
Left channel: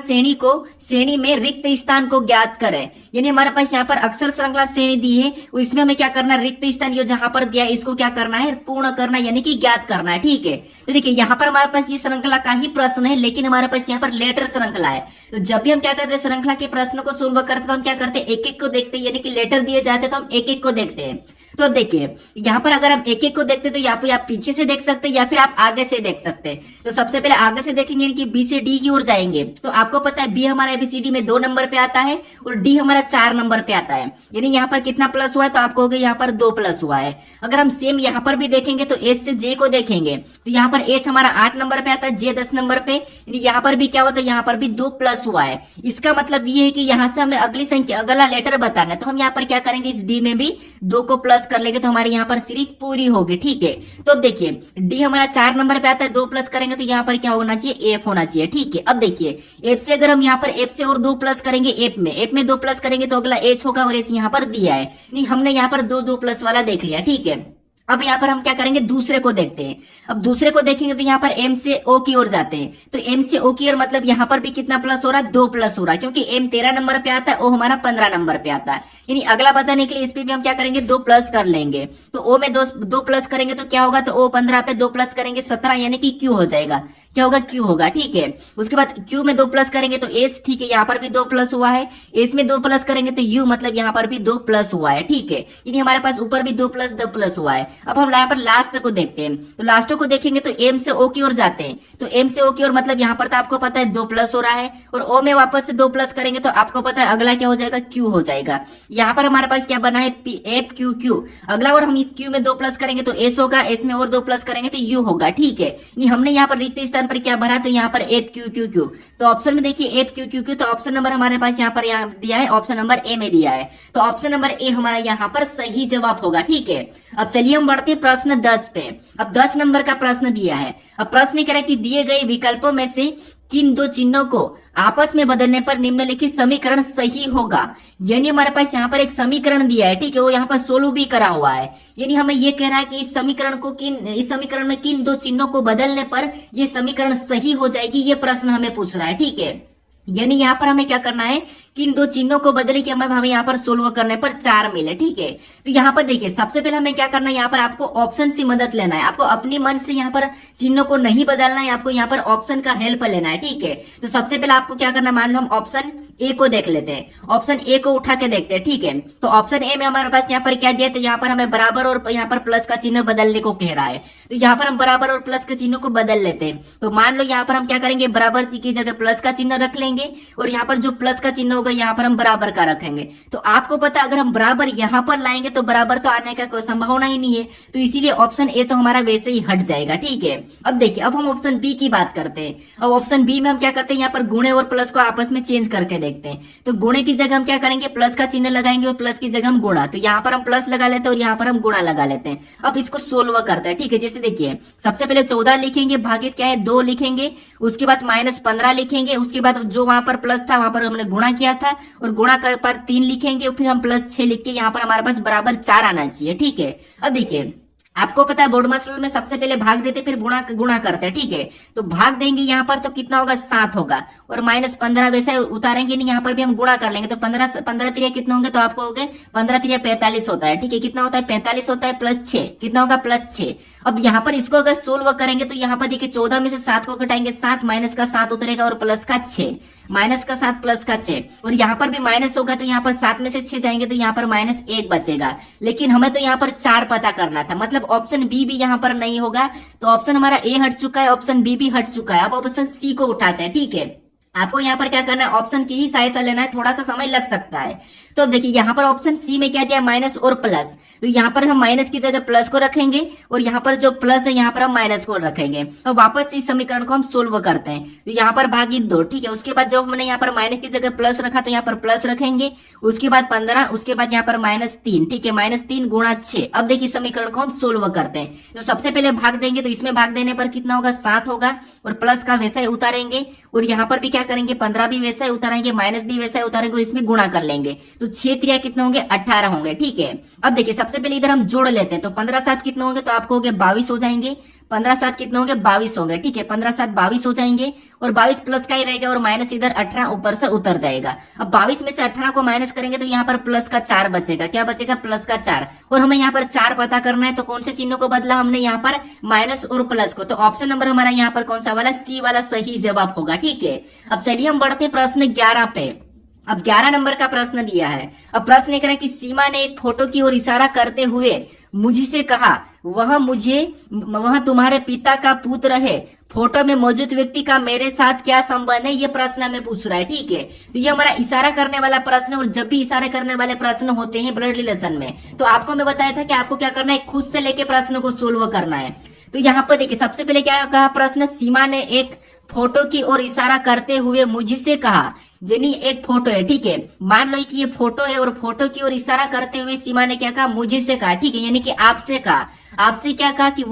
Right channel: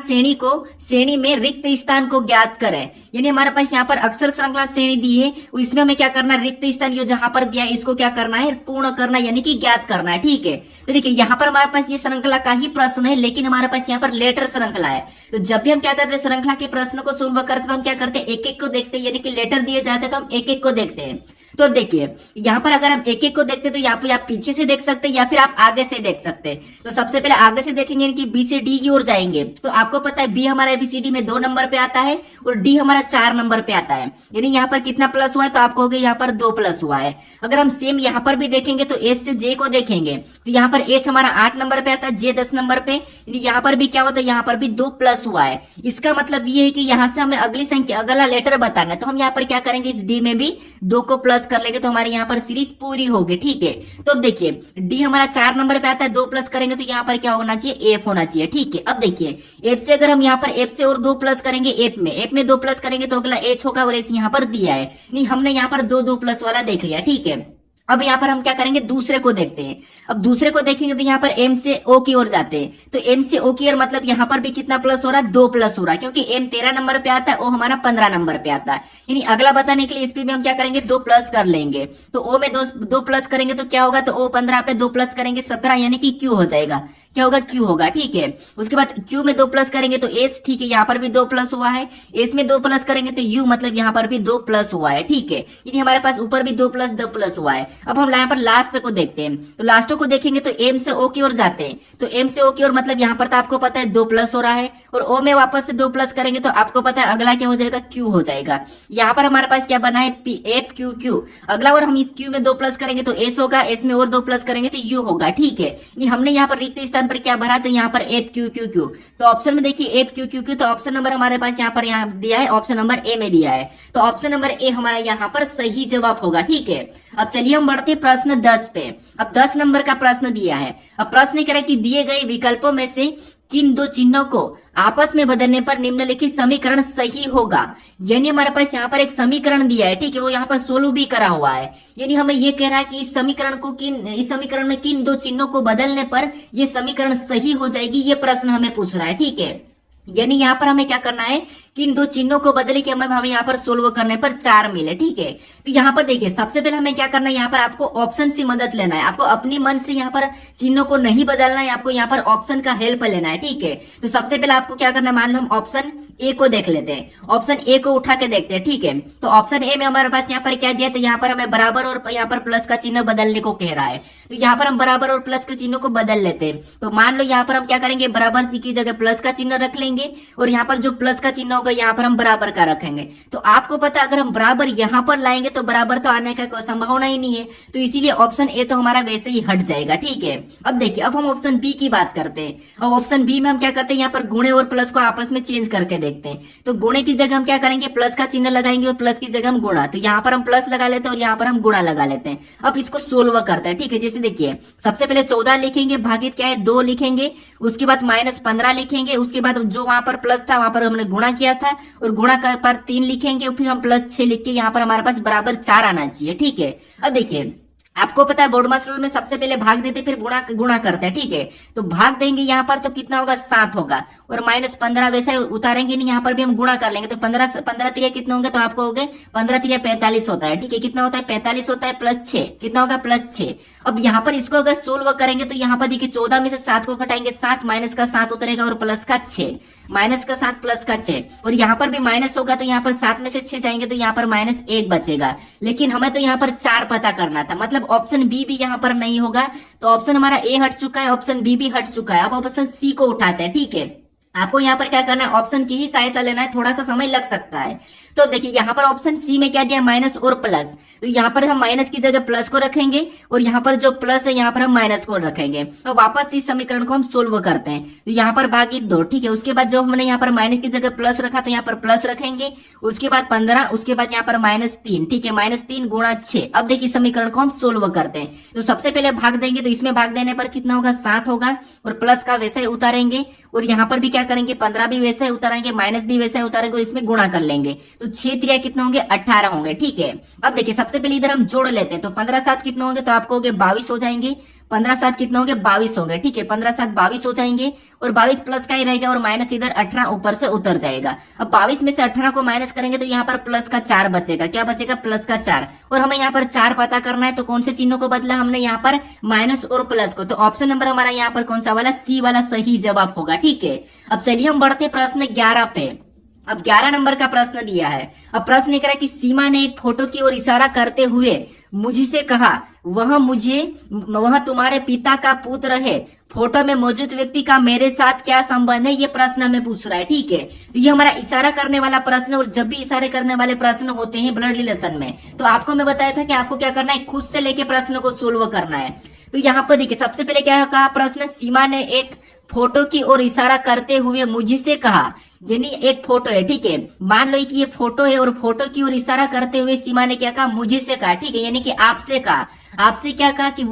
श्रेणी में रिक्त स्थान को ज्ञात करें, यानी हमारे पास यहाँ पर अक्षर श्रृंखला श्रेणी दी है, इसमें हमें क्या करना है, रिक्त स्थान ये जहां पर दिया है इसको क्या करना है, पूर्ण करना, यानी कि ज्ञात करना है, ठीक है। तो देखिए यहाँ पर हमारे पास ये श्रृंखला का ही प्रश्न है, लेकिन हमारे पास यहाँ पर लेटर श्रृंखला है। तो जब भी हम क्या करते हैं श्रृंखला के प्रश्न को सोल्व करते तो हम क्या करते हैं, एक एक को देखते हैं, यानी कि लेटर दिए जाते तो हम एक एक को देखते हैं। तो देखिए यहाँ पर अगर हम एक एक को देखते तो यहाँ पे आप पीछे से देख सकते हैं या फिर आप आगे से देख सकते हैं। तो सबसे पहले आगे से देखेंगे, यानी कि बी से डी की ओर जाएंगे, तो आपको पता है बी हमारा एबीसीडी में 2 नंबर पे आता है और डी हमारा 4 नंबर पे आता है, यानी यहाँ पर कितना प्लस हुआ है, तो आप कहोगे यहाँ पर 2 प्लस हुआ है। अगर हम सेम यहाँ पर भी देखेंगे तो एच से जे को देखेंगे तो यहाँ पर एच हमारा 8 नंबर पे आता है, जे 10 नंबर पे, यानी यहाँ पर भी क्या होता है, यहाँ पर भी 2 प्लस हुआ है। इसका मतलब ये है कि यहाँ से हमें अगली संख्या अगला लेटर बताना है, तो हम यहाँ पर क्या करेंगे, इस डी में भी 2 को प्लस कर लेंगे, तो हमारे यहाँ पर सीरीज पूरी होगी, ठीक है। तो अब देखिए डी हमारा 4 नंबर पे आता है, 2 प्लस करेंगे तो यहाँ पर क्या होना चाहिए, एफ होना चाहिए, ठीक है। अब देखिए एफ से अगर हम यहाँ पर एफ से और 2 प्लस करेंगे, एफ में 2 प्लस करेंगे तो अगला एच होगा, और एच यहाँ पर दिया है, नहीं हमने यहाँ पर 2 प्लस वाला देख लिया, ठीक है। अब यहाँ पर हम क्या करेंगे, दूसरे को देखते हैं। अब दूसरे को देखेंगे तो यहाँ पर एम से ओ की ओर जाते हैं, तो एम से ओ की ओर मतलब यहाँ पर भी कितना प्लस हो रहा है, 2 प्लस हो रहा है, क्योंकि एम 13 नंबर पे आता है, ओ हमारा 15 नंबर पे आता है, यानी अगला बताने के लिए इस पे भी हम क्या करेंगे, 2 प्लस कर लेंगे। तो ओ में 2 प्लस करेंगे तो क्या होगा, तो ओ 15 पे 2 प्लस करेंगे 17, यानी कि क्यू हो जाएगा, क्या होगा, क्यू होगा, ठीक है। उसके बाद क्यू में 2 प्लस करेंगे तो एस, ठीक है, यहाँ पर भी 2 प्लस हुआ है, एस में 2 प्लस करेंगे तो यू मतलब यहाँ पर भी 2 प्लस हुआ है, ठीक है, यानी हमारे पास ऊपर भी 2 प्लस हुआ है। अब हम यहाँ पर लास्ट को देखते हैं, तो लास्ट को देखेंगे तो एम से ओ की ओर जाते हैं, तो एम से ओ की ओर मतलब यहाँ पर तो आपको पता है 2 प्लस हो रहा है, और ओ में वापस से 2 प्लस करेंगे तो आपको पता है अगला क्या हो जाएगा, क्यू हो जाएगा। यहाँ पर हमारे पास क्या बना है, एफ क्यू क्यू, अगला और हम इस क्यू में 2 प्लस करेंगे तो एस होगा, एस में और 2 प्लस करेंगे तो यू होगा, ठीक है। हमने यहाँ पर रिक्त स्थान स्थान पर क्या भरा, तो यहाँ पर एफ क्यू क्यू क्यू। तो ऑप्शन में देखिए एफ क्यू क्यू क्यू, तो ऑप्शन नंबर हमारे पास यहाँ पर दिया है, ऑप्शन नंबर ए में दिया है। तो ऑप्शन नंबर ए हमारा यहाँ पर सही जवाब होगा। ठीक है, अब चलिए हम बढ़ते हैं प्रश्न 10 पे। अब 10 नंबर का प्रश्न दिया है। अब प्रश्न कह रहा है कि दिए गए विकल्पों में से किन दो चिन्हों को आपस में बदलने पर निम्नलिखित समीकरण सही होगा। यानी हमारे पास यहाँ पर एक समीकरण दिया है, ठीक है, वो यहाँ पर सोल्व भी करा हुआ है। यानी हमें ये कह रहा है कि इस समीकरण में किन दो चिन्हों को बदलने पर ये समीकरण सही हो जाएगी, ये प्रश्न हमें पूछ रहा है। ठीक है, यानी यहाँ पर हमें क्या करना है, किन दो चिन्हों को बदले कि हमें यहाँ पर सोल्व करने पर 4 मिले। ठीक है, तो यहाँ पर देखिए सबसे पहले हमें क्या करना है, यहाँ पर आपको ऑप्शन से मदद लेना है। आपको अपनी मन से यहाँ पर चिन्हों को नहीं बदलना है, आपको यहाँ पर ऑप्शन का हेल्प लेना है। ठीक है, तो सबसे पहले आपको क्या करना है, मान लो हम ऑप्शन ए को देख लेते हैं, ऑप्शन ए को उठा के देखते हैं। ठीक है, तो ऑप्शन ए में हमारे पास यहाँ पर क्या दिया, तो यहाँ पर हमें बराबर और यहाँ पर प्लस का चिन्ह बदलने को कह रहा है। तो यहाँ पर हम बराबर और प्लस के चिन्हों को बदल लेते हैं। तो मान लो यहाँ पर हम क्या करेंगे, बराबर की जगह प्लस का चिन्ह रख लेंगे और यहाँ पर जो प्लस का चिन्ह होगा यहाँ पर हम बराबर का रखेंगे। तो आपको पता है अगर हम बराबर यहाँ पर लाएंगे तो बराबर तो आने का कोई संभावना ही नहीं है, तो इसीलिए ऑप्शन ए तो हमारा वैसे ही हट जाएगा। ठीक है, अब देखिए अब हम ऑप्शन बी की बात करते हैं। अब ऑप्शन बी में हम क्या करते हैं, यहाँ पर गुणे और प्लस को आपस में चेंज करके देखते हैं। तो गुणे की जगह हम क्या करेंगे, प्लस का चिन्ह लगाएंगे और प्लस की जगह हम गुणा, तो यहाँ पर हम प्लस लगा लेते हैं और यहाँ पर हम गुणा लगा लेते हैं। अब इसको सोल्व करते हैं। ठीक है, जैसे देखिए सबसे पहले 14 लिखेंगे, भागित क्या है 2 लिखेंगे, उसके बाद -15 लिखेंगे, उसके बाद जो वहां पर प्लस था वहां पर हमने गुणा किया था और गुणा कर पर 3 लिखेंगे, फिर हम +6 लिख के यहाँ पर हमारे पास बराबर 4 आना चाहिए। ठीक है, अब देखिए आपको पता है बोर्ड मास रूल में सबसे पहले भाग देते फिर गुणा करते हैं। ठीक है, तो भाग देंगे यहाँ पर तो कितना होगा 7 होगा और -15 वैसे उतारेंगे नहीं, यहाँ पर भी हम गुणा कर लेंगे। तो 15 तिरिया कितने होंगे, तो आपको हो गए 15 तिरिया 45 होता है। ठीक है, कितना होता है 45 होता है +6 कितना होगा +6। अब यहाँ पर इसको अगर सोल्व करेंगे तो यहाँ पर देखिए 14 में से 7 को घटाएंगे, 7 माइनस का 7 उतरेगा और प्लस का 6, माइनस का 7 प्लस का 6 और यहाँ पर भी माइनस होगा तो यहाँ पर 7 में से 6 जाएंगे तो यहाँ पर -1 बचेगा। लेकिन हमें तो यहाँ पर 4 पता करना था, मतलब ऑप्शन बी भी यहाँ पर नहीं होगा। तो ऑप्शन हमारा ए हट चुका है, ऑप्शन बी भी हट चुका है। अब ऑप्शन सी को उठाते हैं। ठीक है, आपको यहाँ पर क्या करना है, ऑप्शन की ही सहायता लेना है, थोड़ा सा समय लग सकता है। तो देखिए यहाँ पर ऑप्शन सी में क्या दिया, माइनस और प्लस, तो यहाँ पर हम माइनस की जगह प्लस को रखेंगे और यहाँ पर जो प्लस है यहाँ पर हम माइनस को रखेंगे। तो वापस इस समीकरण को हम सोल्व करते हैं। तो यहाँ पर भागित 2, ठीक है, उसके बाद जो हमने यहाँ पर माइनस की जगह प्लस रखा तो यहाँ पर प्लस रखेंगे, उसके बाद 15, उसके बाद यहाँ पर -3, ठीक है, -3 गुणा 6। अब देखिए समीकरण को हम सोल्व करते हैं। तो सबसे पहले भाग देंगे, तो इसमें भाग देने पर कितना होगा 7 होगा और प्लस का वैसा ही उतारेंगे और यहाँ पर भी क्या करेंगे 15 भी वैसे उतारेंगे, माइनस भी वैसे उतारेंगे और इसमें गुणा कर लेंगे। तो 6 3 कितने होंगे 18 होंगे। ठीक है, अब देखिए सबसे पहले इधर हम जोड़ लेते हैं। तो 15 7 कितने होंगे, तो आपको हो गए 22 हो जाएंगे। 15 7 कितने होंगे 22 होंगे। ठीक है, 15 7 22 हो जाएंगे और 22 प्लस का ही रहेगा और माइनस इधर 18 ऊपर से उतर जाएगा। अब 22 में से 18 को माइनस करेंगे तो यहाँ पर प्लस का 4 बचेगा। क्या बचेगा, प्लस का 4। और हमें यहाँ पर 4 पता करना है, तो कौन से चिन्हों को बदला हमने यहाँ पर, माइनस और प्लस को। तो ऑप्शन नंबर हमारा यहाँ पर कौन सा वाला, सी वाला सही जवाब होगा। ठीक है, अब चलिए हम बढ़ते प्रश्न 11 पे। अब 11 नंबर का प्रश्न दिया है। अब प्रश्न ये कह रहा है कि सीमा ने एक फोटो की ओर इशारा करते हुए मुझसे कहा, वह तुम्हारे पिता का पुत्र है। फोटो में मौजूद व्यक्ति का मेरे साथ क्या संबंध है, ये प्रश्न हमें पूछ रहा है। ठीक है, तो ये हमारा इशारा करने वाला प्रश्न, और जब भी इशारे करने वाले प्रश्न होते हैं ब्लड रिलेशन में, तो आपको मैं बताया था कि आपको क्या करना है, खुद से लेके प्रश्न को सोल्व करना है। तो यहाँ पर देखिए सबसे पहले क्या कहा प्रश्न, सीमा ने एक फोटो की ओर इशारा करते हुए मुझसे कहा, यानी एक फोटो है। ठीक है, मान लो कि ये फोटो है और फोटो की ओर इशारा करते हुए सीमा ने क्या कहा, मुझसे कहा। ठीक है, यानी कि आपसे कहा। आपसे क्या कहा कि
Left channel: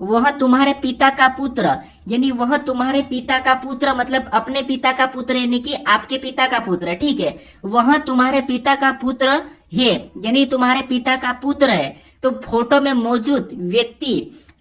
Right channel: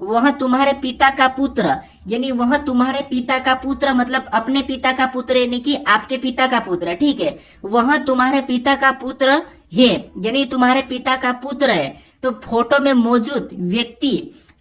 वह तुम्हारे पिता का पुत्र, यानी वह तुम्हारे पिता का पुत्र, मतलब अपने पिता का पुत्र, यानी कि आपके पिता का पुत्र। ठीक है, वह तुम्हारे पिता का पुत्र है, यानी तुम्हारे पिता का पुत्र है। तो फोटो में मौजूद व्यक्ति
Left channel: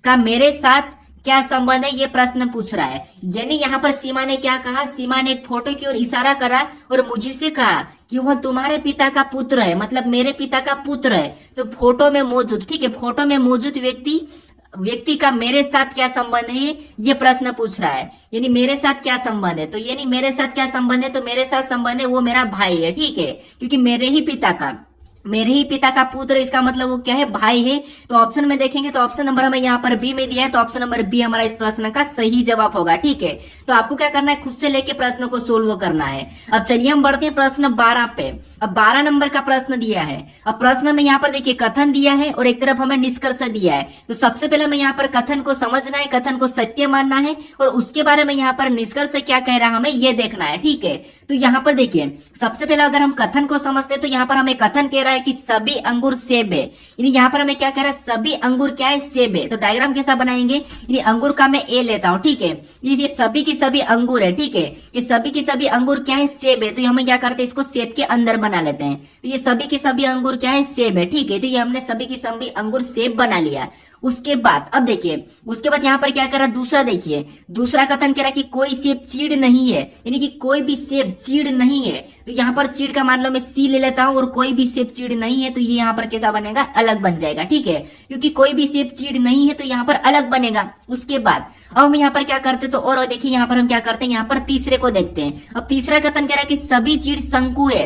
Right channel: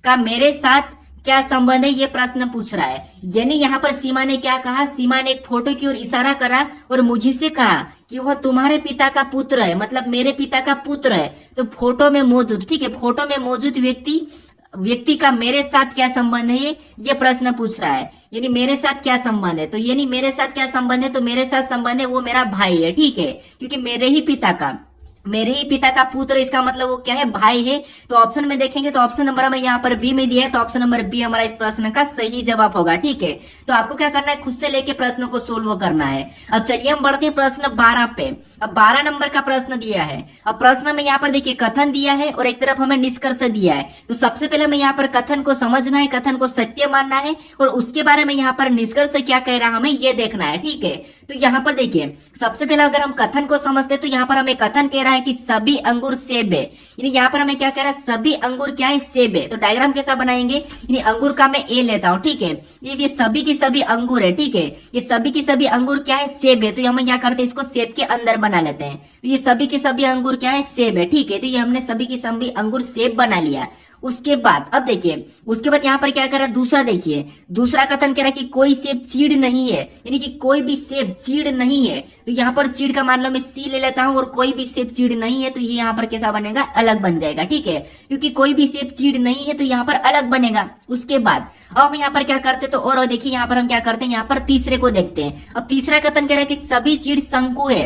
का मेरे साथ क्या संबंध है, ये प्रश्न पूछ रहा है। यानी यहाँ पर सीमा ने क्या कहा, सीमा ने एक फोटो की ओर इशारा करा और मुझसे कहा कि वह तुम्हारे पिता का पुत्र है, मतलब मेरे पिता का पुत्र है। तो फोटो में मौजूद, ठीक है, फोटो में मौजूद व्यक्ति का मेरे साथ क्या संबंध है, ये प्रश्न पूछ रहा है। यानी मेरे साथ क्या संबंध है, तो यानी मेरे साथ क्या संबंध है, तो मेरे साथ संबंध है वो मेरा भाई है। ठीक है, क्योंकि मेरे ही पिता का मेरे ही पिता का पुत्र, इसका मतलब वो क्या है, भाई है। तो ऑप्शन में देखेंगे तो ऑप्शन नंबर हमें यहाँ पर बी में दिया है, तो ऑप्शन नंबर बी हमारा इस प्रश्न का सही जवाब होगा। ठीक है, तो आपको क्या करना है, खुद से लेके प्रश्नों को सोल्व करना है। अब चलिए हम बढ़ते हैं प्रश्न 12 पे। अब 12 नंबर का प्रश्न दिया है। अब प्रश्न में यहाँ पर देखिए कथन दिया है और एक तरफ हमें निष्कर्ष दिया है। तो सबसे पहले हमें यहाँ पर कथन को समझना है, कथन को सत्य मानना है, और उसके बारे में यहाँ पर निष्कर्ष क्या कह रहा है हमें ये देखना है। ठीक है, तो यहाँ पर देखिए सबसे पहले अगर हम कथन को समझते तो यहाँ पर हमें कथन कह रहा है कि सभी अंगूर सेब है। यानी यहाँ पर हमें क्या कह रहा है, सभी अंगूर क्या है, सेब है। तो डायग्राम कैसा बनाएंगे, यानी अंगूर का मैं ए लेता हूँ। ठीक है, ये सभी की सभी अंगूर है। ठीक है, ये सभी की सभी अंगूर क्या है, सेब है। तो हमें क्या करते हैं, इसको सेब के अंदर बना लेते हैं। तो ये सभी के सभी अंगूर क्या है, सेब है। ठीक है, तो ये हमने सभी की सभी अंगूर सेब बना लिया। उसके बाद अब देखिए, उसके बाद यहाँ पर क्या कर रहा है, दूसरा देखिए, दूसरा कथन कह रहा है कि कोई सेब चीड़ नहीं है, यानी कि कोई भी सेब चीड़ नहीं है। तो यहाँ पर चीड़ का मान लो मैं सी ले लेता हूँ, और कोई भी सेब चीड़ नहीं है तो ये यहाँ पर कैसा बनेगा, अलग बन जाएगा। ठीक है, क्योंकि कोई भी सेब चीड़ नहीं है तो यहाँ पर अलग बनेगा। उसके बाद अब हम यहाँ पर क्या करते तो, और देखिए यहाँ पर हम क्या करते हैं, यहाँ पर तीसरे को देखते हैं। अब तीसरा कथन कह रहा है कि सभी चीड़ शंकु है,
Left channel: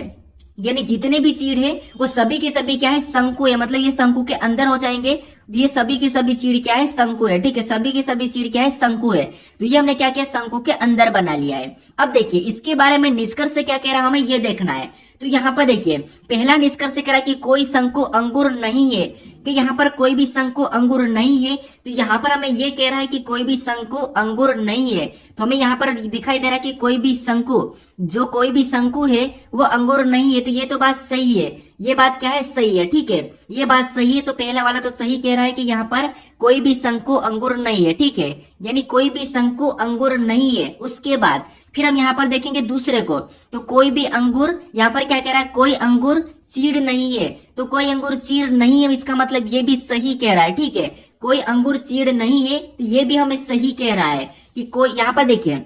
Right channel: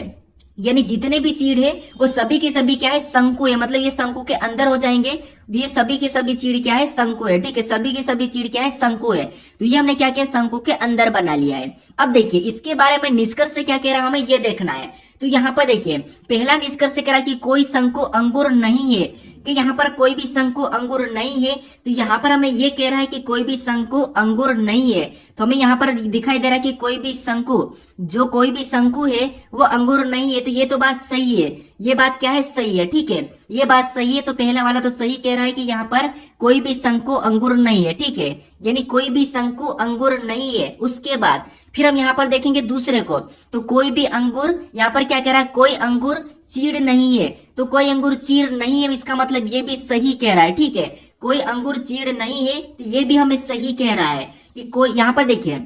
यानी जितने भी चीड़ है वो सभी के सभी क्या है, शंकु है। मतलब ये शंकु के अंदर हो जाएंगे। ये सभी के सभी चीड़ क्या है, शंकु है। ठीक है, सभी के सभी चीड़ क्या है, शंकु है। तो ये हमने क्या किया, शंकु के अंदर बना लिया है। अब देखिए इसके बारे में निष्कर्ष से क्या कह रहा है हमें ये देखना है। तो यहाँ पर देखिए पहला निष्कर्ष कह रहा है कि कोई शंकु अंगूर नहीं है, कि यहाँ पर कोई भी शंकु अंगूर नहीं है। तो यहाँ पर हमें ये कह रहा है कि कोई भी शंकु अंगूर नहीं है। तो हमें यहाँ पर दिखाई दे रहा है कि कोई भी शंकु, जो कोई भी शंकु है वो अंगूर नहीं है। तो ये तो बात सही है, ये बात क्या है, सही है। ठीक है, ये बात सही है। तो पहला वाला तो सही कह रहा है कि यहाँ पर कोई भी शंकु अंगूर नहीं है। ठीक है, यानी कोई भी शंकु अंगूर नहीं है। उसके बाद फिर हम यहाँ पर देखेंगे दूसरे को, तो कोई भी अंगूर, यहाँ पर क्या कह रहा है, कोई अंगूर चीड़ नहीं है। तो कोई अंगूर चीड़ नहीं है, इसका मतलब ये भी सही कह रहा है। ठीक है, कोई अंगूर चीड़ नहीं है, तो ये भी हमें सही कह रहा है कि कोई, यहाँ पर देखिए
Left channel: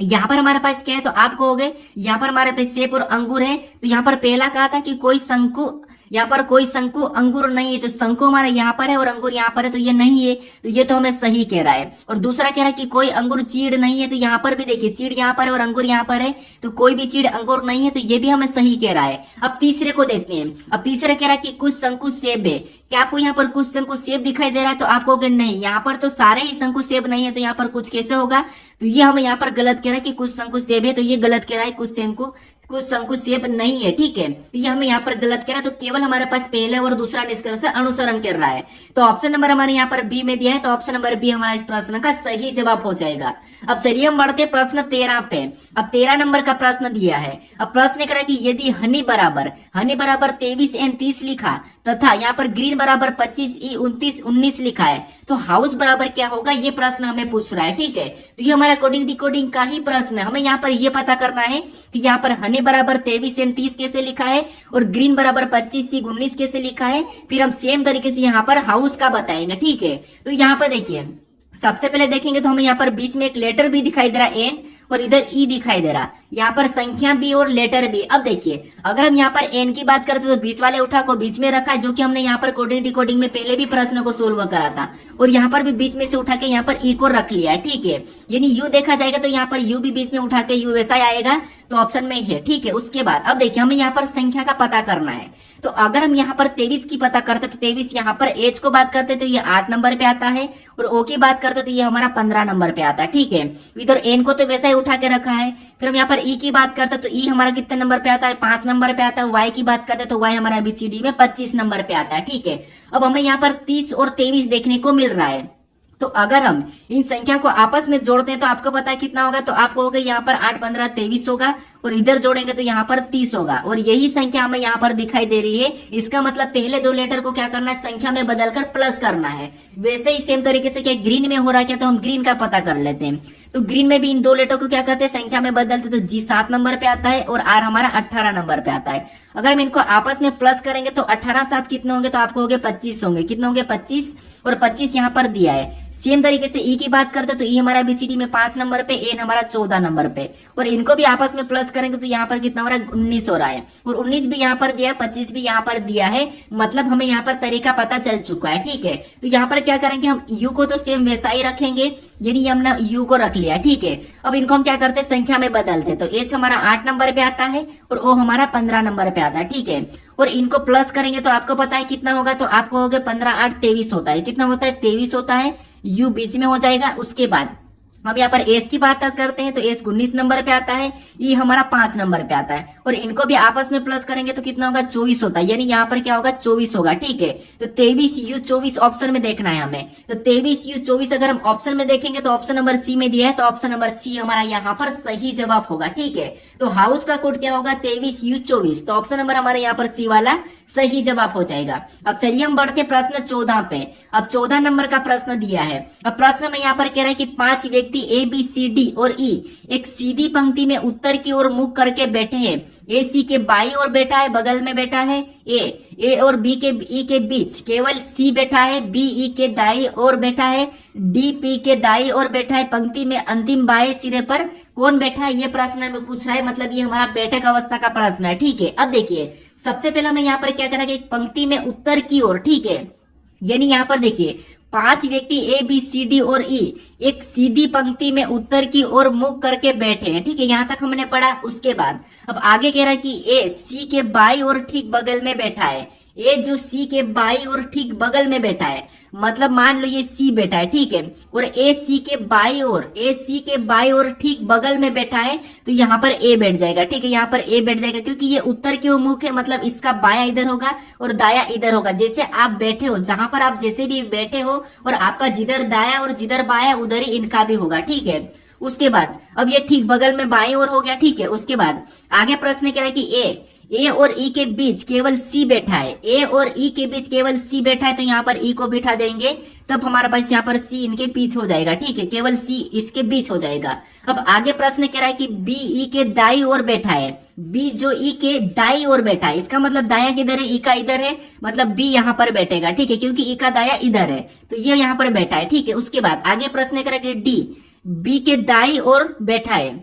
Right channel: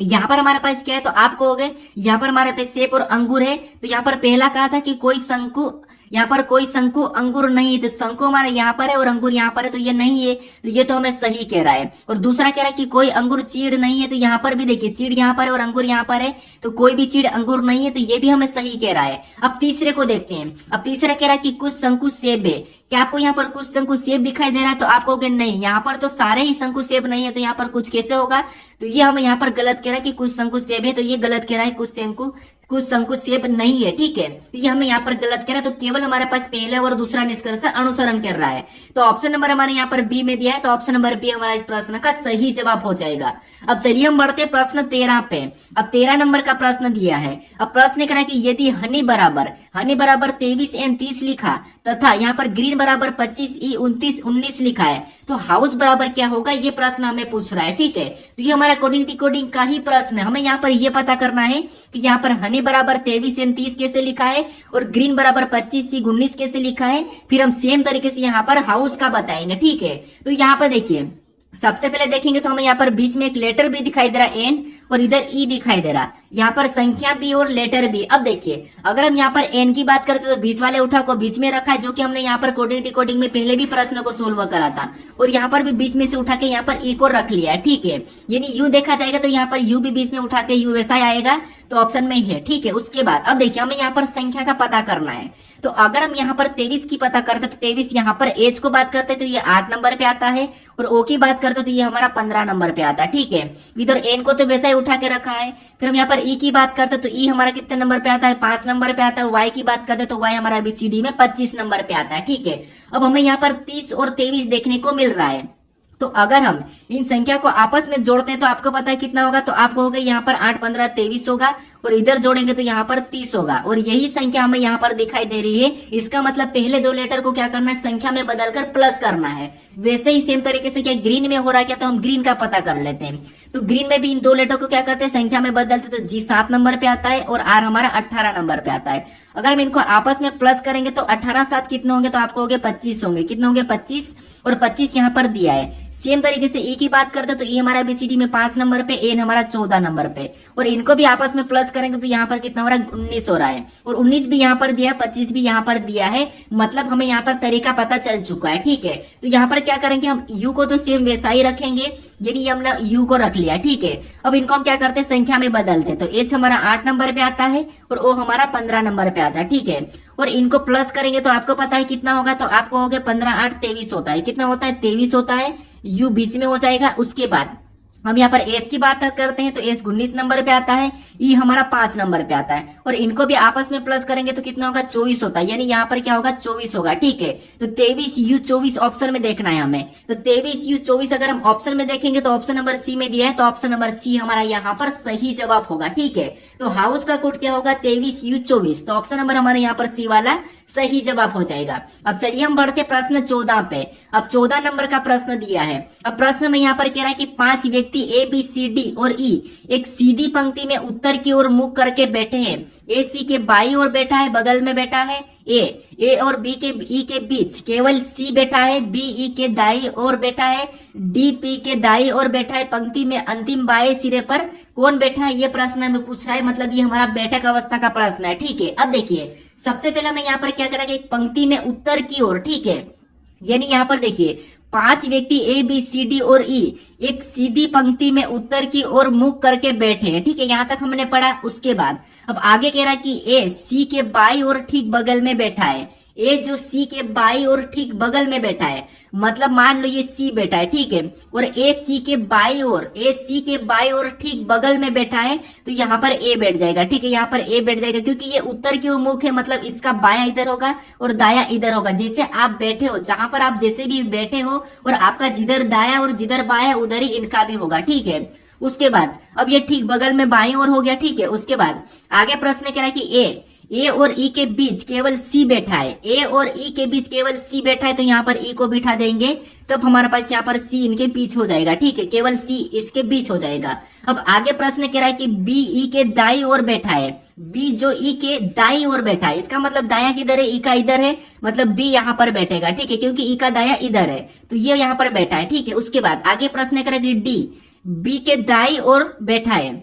यहाँ पर हमारे पास क्या है, तो आप कहोगे यहाँ पर हमारे पास सेब और अंगूर है। तो यहाँ पर पहला कहा था कि कोई शंकु, यहाँ पर कोई शंकु अंगूर नहीं है। तो शंकु हमारा यहाँ पर है और अंगूर यहाँ पर है, तो ये नहीं है। तो ये तो हमें सही कह रहा है। और दूसरा कह रहा है कि कोई अंगूर चीड़ नहीं है। तो यहाँ पर भी देखिए चीड़ यहाँ पर है और अंगूर यहाँ पर है, तो कोई भी चीड़ अंगूर नहीं है। तो ये भी हमें सही कह रहा है। अब तीसरे को देखते हैं। अब तीसरा कह रहा है कि कुछ शंकु सेब है। क्या आपको यहाँ पर कुछ शंकु सेब दिखाई दे रहा है? तो आप कहोगे नहीं, यहाँ पर तो सारे ही शंकु सेब नहीं है, तो यहाँ पर कुछ कैसे होगा? तो ये हमें यहाँ पर गलत कह रहा है कि कुछ शंकु सेब है, तो ये गलत कह रहा है, कुछ शंकु सेब नहीं है। ठीक है, ये हमें यहाँ पर गलत कह रहा है। तो केवल हमारे पास पहला और दूसरा निष्कर्ष अनुसरण कर रहा है। तो ऑप्शन नंबर हमारे यहाँ पर बी में दिया है, तो ऑप्शन नंबर बी हमारा इस प्रश्न का सही जवाब हो जाएगा। अब चलिए हम बढ़ते प्रश्न 13 पे। अब 13 नंबर का प्रश्न दिया है। अब प्रश्न करा कि यदि हनी बराबर 23 एंड 30 लिखा तथा यहाँ पर ग्रीन बराबर 25 ई 29 19 लिखा है, तो हाउस बराबर क्या होगा, ये प्रश्न हमें पूछ रहा है। ठीक है, तो ये हमारा कोडिंग डिकोडिंग का ही प्रश्न है। हमें यहाँ पर ये पता करना है कि यहाँ पर हनी बराबर 23 एंड 30 कैसे लिखा है और ग्रीन बराबर 25 सी 19 कैसे लिखा है। फिर हम सेम तरीके से यहाँ पर हाउस का बताएंगे। ठीक है, तो यहाँ पर देखिए सबसे पहले देखेंगे तो हमें यहाँ पर बीच में एक लेटर भी दिखाई दे रहा है एन, और इधर ई दिखाई दे रहा, यहाँ पर संख्या भी और लेटर भी। अब देखिए अगर हम यहाँ पर एन की बात करते तो बीच वाले उठा को बीच में रखा है, जो कि हमने यहाँ पर कोडिंग डिकोडिंग में पहले भी प्रश्न को सोल्व करा था, और यहाँ पर भी बीच में से उठा के यहाँ पर ई को रख लिया है। ठीक है, यानी यू देखा जाएगा तो यहाँ पर यू भी बीच में उठा के यू वैसा आएगा, तो ऑप्शन में है। ठीक है, उसके बाद अब देखिए हमें यहाँ पर संख्या का पता करना है। तो अगर हम यहाँ पर 23 की पता करते तो 23 यहाँ पर एच को बात करते तो ये 8 नंबर पे आता है, और ओ की बात करते तो ये हमारा 15 नंबर पे आता है। ठीक है, इधर एन को तो वैसा ही उठा के रखा है। फिर हम यहाँ पर ई की बात करते तो ई हमारा कितने नंबर पे आता है, 5 नंबर पे आता है। वाई की बात करते तो वाई हमारा ABCD में 25 नंबर पे आता है। ठीक है, अब हमें यहाँ पर 30 और 23 देखने को मिल रहा है। तो अगर हम इन संख्या को आपस में जोड़ते हैं तो आपको पता है कितना होगा, तो आपको होगा यहाँ पर 8 15 23 होगा, और इधर जोड़ेंगे तो यहाँ पर 30 होगा, और यही संख्या हमें यहाँ पर दिखाई दे रही है। इसका मतलब पहले दो लेटर को क्या करना है, संख्या में बदलकर प्लस करना है। वैसे ही सेम तरीके से क्या ग्रीन में हो रहा है क्या, तो हम ग्रीन का पता कर लेते हैं। तो ग्रीन में भी इन दो लेटर को क्या करते हैं, संख्या में बदलते, तो जी 7 नंबर पे आता है और आर हमारा 18 नंबर पे आता है। अगर हम इनको आपस में प्लस करेंगे तो 18 7 कितने होंगे, तो आपको होंगे 25 होंगे। कितने होंगे, 25, और 25 यहाँ पर दिया है। सेम तरीके से ई की बात करते तो ई हमारा ABCD में 5 नंबर पे, एन हमारा 14 नंबर पे, और इनको भी आपस में प्लस करेंगे तो यहाँ पर कितना हो रहा है, 19 हो रहा है, और 19 भी यहाँ पर दिया है, 25 भी यहाँ पर दिया है। मतलब हमें यहाँ पर तरीका पता चल चुका है। ठीक है, तो यहाँ पर क्या करेंगे, हम यू को तो सेम वैसा ही रखेंगे, यानी हमने यू को रख लिया। ठीक है, अब इनको हम क्या करते हैं, संख्या में बदलते हैं। तो एच हमारा 8 नंबर पे आता है और ओ हमारा 15 नंबर पे आता है। ठीक है, और इनको प्लस करेंगे तो आपको पता है कितना होगा, तो आपको हो गया 15 8 23 होता है। कितना होता है? 23 होता है। यू बीच में हो जाएगा। उसके बाद हम यहाँ पर एज की बात करते हैं तो एज 19 नंबर पे आता है, ई हमारा 5 नंबर पे आता है, और इनको भी आपस में प्लस करेंगे तो कितना होगा? 24 होता है। यानी यहाँ पर क्या होगा? 24 होगा। ठीक है, तो 23U24 ऑप्शन में देखना है हमें। तो 23U24 अगर हम ऑप्शन में देखेंगे तो ऑप्शन नंबर सी में दिया है, तो ऑप्शन नंबर सी हमारा यहाँ पर सही जवाब होगा। ठीक है, तो हाउस का कोड क्या होगा? 23U24, तो ऑप्शन नंबर हमारे यहाँ पर सी वाला सही जवाब हो जाएगा। अब चलिए हम बढ़ते प्रश्न 14 पे। अब 14 नंबर का प्रश्न दिया है। अब प्रश्न में यहाँ पर कह रहा है कि 5 व्यक्ति ए बी सी डी और ई एक सीधी पंक्ति में उत्तर की ओर मुख करके बैठे हैं। ए सी के बाई ओर बैठा है, बगल में बैठा है ए और बी के ई के बीच केवल सी बैठा है, बी ई के दाई ओर बैठा है, डी पी के दाई ओर बैठा है। पंक्ति में अंतिम बाएं सिरे पर कौन बैठा है? ये प्रश्न हमें पूछ रहा है, मतलब ये हमारा बैठक अवस्था का प्रश्न है। ठीक है, अब देखिए सबसे पहले हमें यहाँ पर क्या करेंगे? एक पंक्ति में उत्तर की ओर। ठीक है, यानी यहाँ पर देखिए 5 व्यक्ति ए बी सी डी और ई एक सीधी पंक्ति में उत्तर की ओर मुख करके बैठे हैं। ठीक है, यहां तक हमने पढ़ा। उसके बाद अब आगे कह रहा है कि ए सी के बाई और ठीक बगल में बैठा है। ए जो सी के बाई और ठीक बगल में बैठा है, मतलब मान लो ये सी बैठा है। ठीक है, और ए सी के बाई और ठीक बगल में बैठा है, तो यहाँ पर ए बैठ जाएगा। ठीक है, यहाँ पर ए बैठ जाएगा क्योंकि ये उत्तर की ओर मुख है, मतलब इसका बाया इधर होगा और दाया इधर होगा। जैसे आप बैठे हो, जहां पर आप जैसे भी बैठे हो, और आपका जिधर दाया और जिधर बाया उधर ही इनका भी होगा। ठीक है, उसके बाद अब ये ठीक बगल में बाएं ओर हो गया। ठीक है, उसके बाद आगे प्रश्न कह रहा है कि ए और ई के बीच केवल सी बैठा है। ए और ई के बीच केवल सी बैठा है, तो यहाँ पर ई को बिठा देंगे, तब हमारे पास यहाँ पर सी इनके बीच हो जाएगा। ठीक है, केवल सी इसके बीच हो जाएगा। अब आगे प्रश्न कह रहा है कि बी ई के दाई ओर बैठा है। बी जो ई के दाई ओर बैठा है, इसका मतलब दाया किधर है? ई का इधर है, मतलब बी यहाँ पर बैठेगा। ठीक है, क्योंकि ई का दाया इधर है, तो ये यहाँ पर बैठा है। ठीक है, उसके बाद आगे प्रश्न करेंगे डी बी के दाई ओर बैठा है।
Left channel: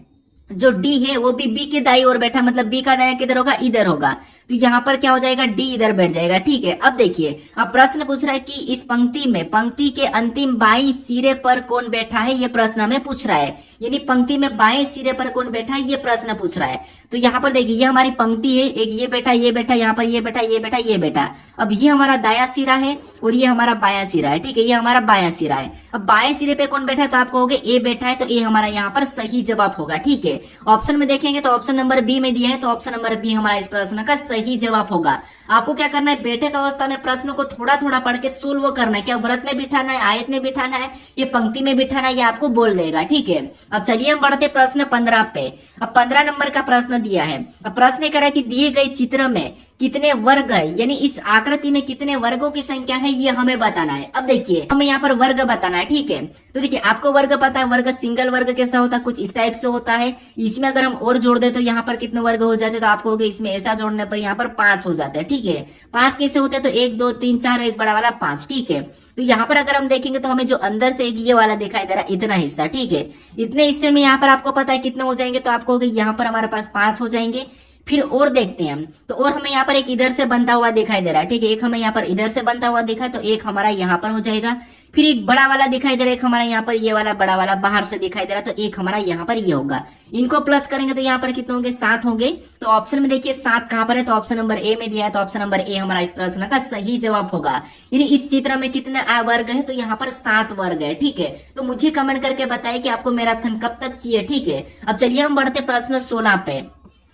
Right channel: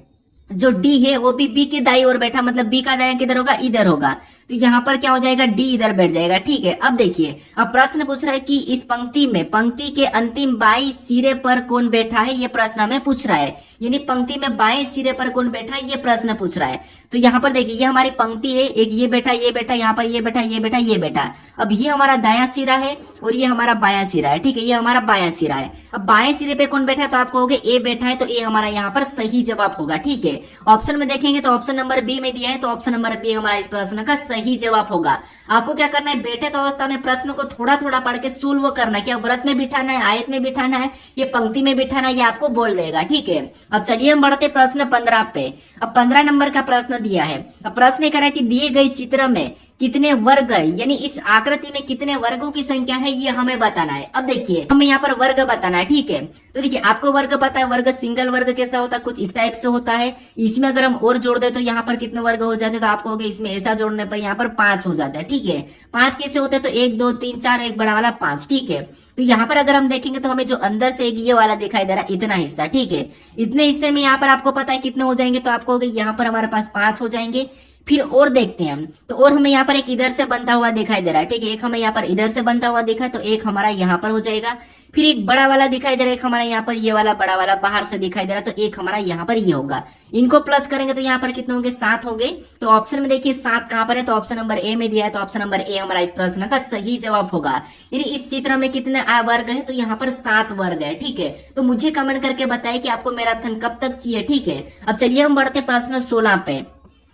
जो डी है वो भी बी के दाई ओर बैठा, मतलब बी का दाया किधर होगा? इधर होगा, तो यहाँ पर क्या हो जाएगा? डी इधर बैठ जाएगा। ठीक है, अब देखिए अब प्रश्न पूछ रहा है कि इस पंक्ति के अंतिम बाएं सिरे पर कौन बैठा है? ये प्रश्न हमें पूछ रहा है। यानी पंक्ति में बाएं सिरे पर कौन बैठा है, ये प्रश्न पूछ रहा है। तो यहाँ पर देखिए ये हमारी पंक्ति है, एक ये बैठा, यहाँ पर ये बैठा, ये बैठा। अब ये हमारा दाया सिरा है और ये हमारा बायां सिरा है। ठीक है, ये हमारा बायां सिरा है। अब बाएं सिरे पे कौन बैठा है? तो आप कहोगे ए बैठा है, तो ए हमारा यहाँ पर सही जवाब होगा। ठीक है, ऑप्शन में देखेंगे तो ऑप्शन नंबर बी में दिया है, तो ऑप्शन नंबर बी हमारा इस प्रश्न का सही जवाब होगा। आपको क्या करना है? बैठक अवस्था में प्रश्न को थोड़ा थोड़ा पढ़ के सोल्व करना है। क्या व्रत में बिठाना है, आयत में बिठाना है, ये पंक्ति में बिठाना है, ये आपको बोल देगा। ठीक है, अब चलिए हम बढ़ते प्रश्न 15 पे। अब 15 नंबर का प्रश्न दिया है। अब प्रश्न कह रहा है कि दिए गए चित्र में कितने वर्ग है, यानी इस आकृति में कितने वर्गों की संख्या है, ये हमें बताना है। अब देखिए हमें यहाँ पर वर्ग बताना है। ठीक है, तो देखिए आपको वर्ग पता है, वर्ग सिंगल वर्ग कैसा होता है? कुछ इस टाइप से होता है। इसमें अगर हम और जोड़ दे तो यहाँ पर कितने वर्ग हो जाते? तो आपको होगा इसमें ऐसा जोड़ने पर यहाँ पर 5 हो जाते हैं। ठीक है, 5 कैसे होते हैं? तो 1 2 3 4 एक बड़ा वाला 5। ठीक है, तो यहाँ पर अगर हम देखेंगे तो हमें जो अंदर से एक ये वाला दिखाई दे रहा है, इतना हिस्सा। ठीक है, इतने हिस्से में यहाँ पर आपको पता है कितने हो जाएंगे? तो आपको होगा यहाँ पर हमारे पास 5 हो जाएंगे। फिर और देखते हैं हम, तो और हमें यहाँ पर एक इधर से बनता हुआ दिखाई दे रहा है। ठीक है, एक हमें यहाँ पर इधर से बनता हुआ दिखा, तो एक हमारा यहाँ पर हो जाएगा। फिर एक बड़ा वाला दिखाई दे रहा है, एक हमारा यहाँ पर ये वाला बड़ा वाला बाहर से दिखाई दे रहा है, तो एक हमारा यहाँ पर ये होगा। इनको प्लस करेंगे तो यहाँ पर कितने होंगे? 7 होंगे। तो ऑप्शन में देखिए 7 कहाँ पर है? तो ऑप्शन नंबर ए में दिया है, तो ऑप्शन नंबर ए हमारा इस प्रश्न का सही जवाब होगा। यानी इस चित्र में कितने वर्ग है? तो यहाँ पर 7 वर्ग है। ठीक है, तो मुझे कमेंट करके बताएं कि आपको मैराथन कब तक चाहिए। ठीक है, अब चलिए हम बढ़ते प्रश्न 16 पे।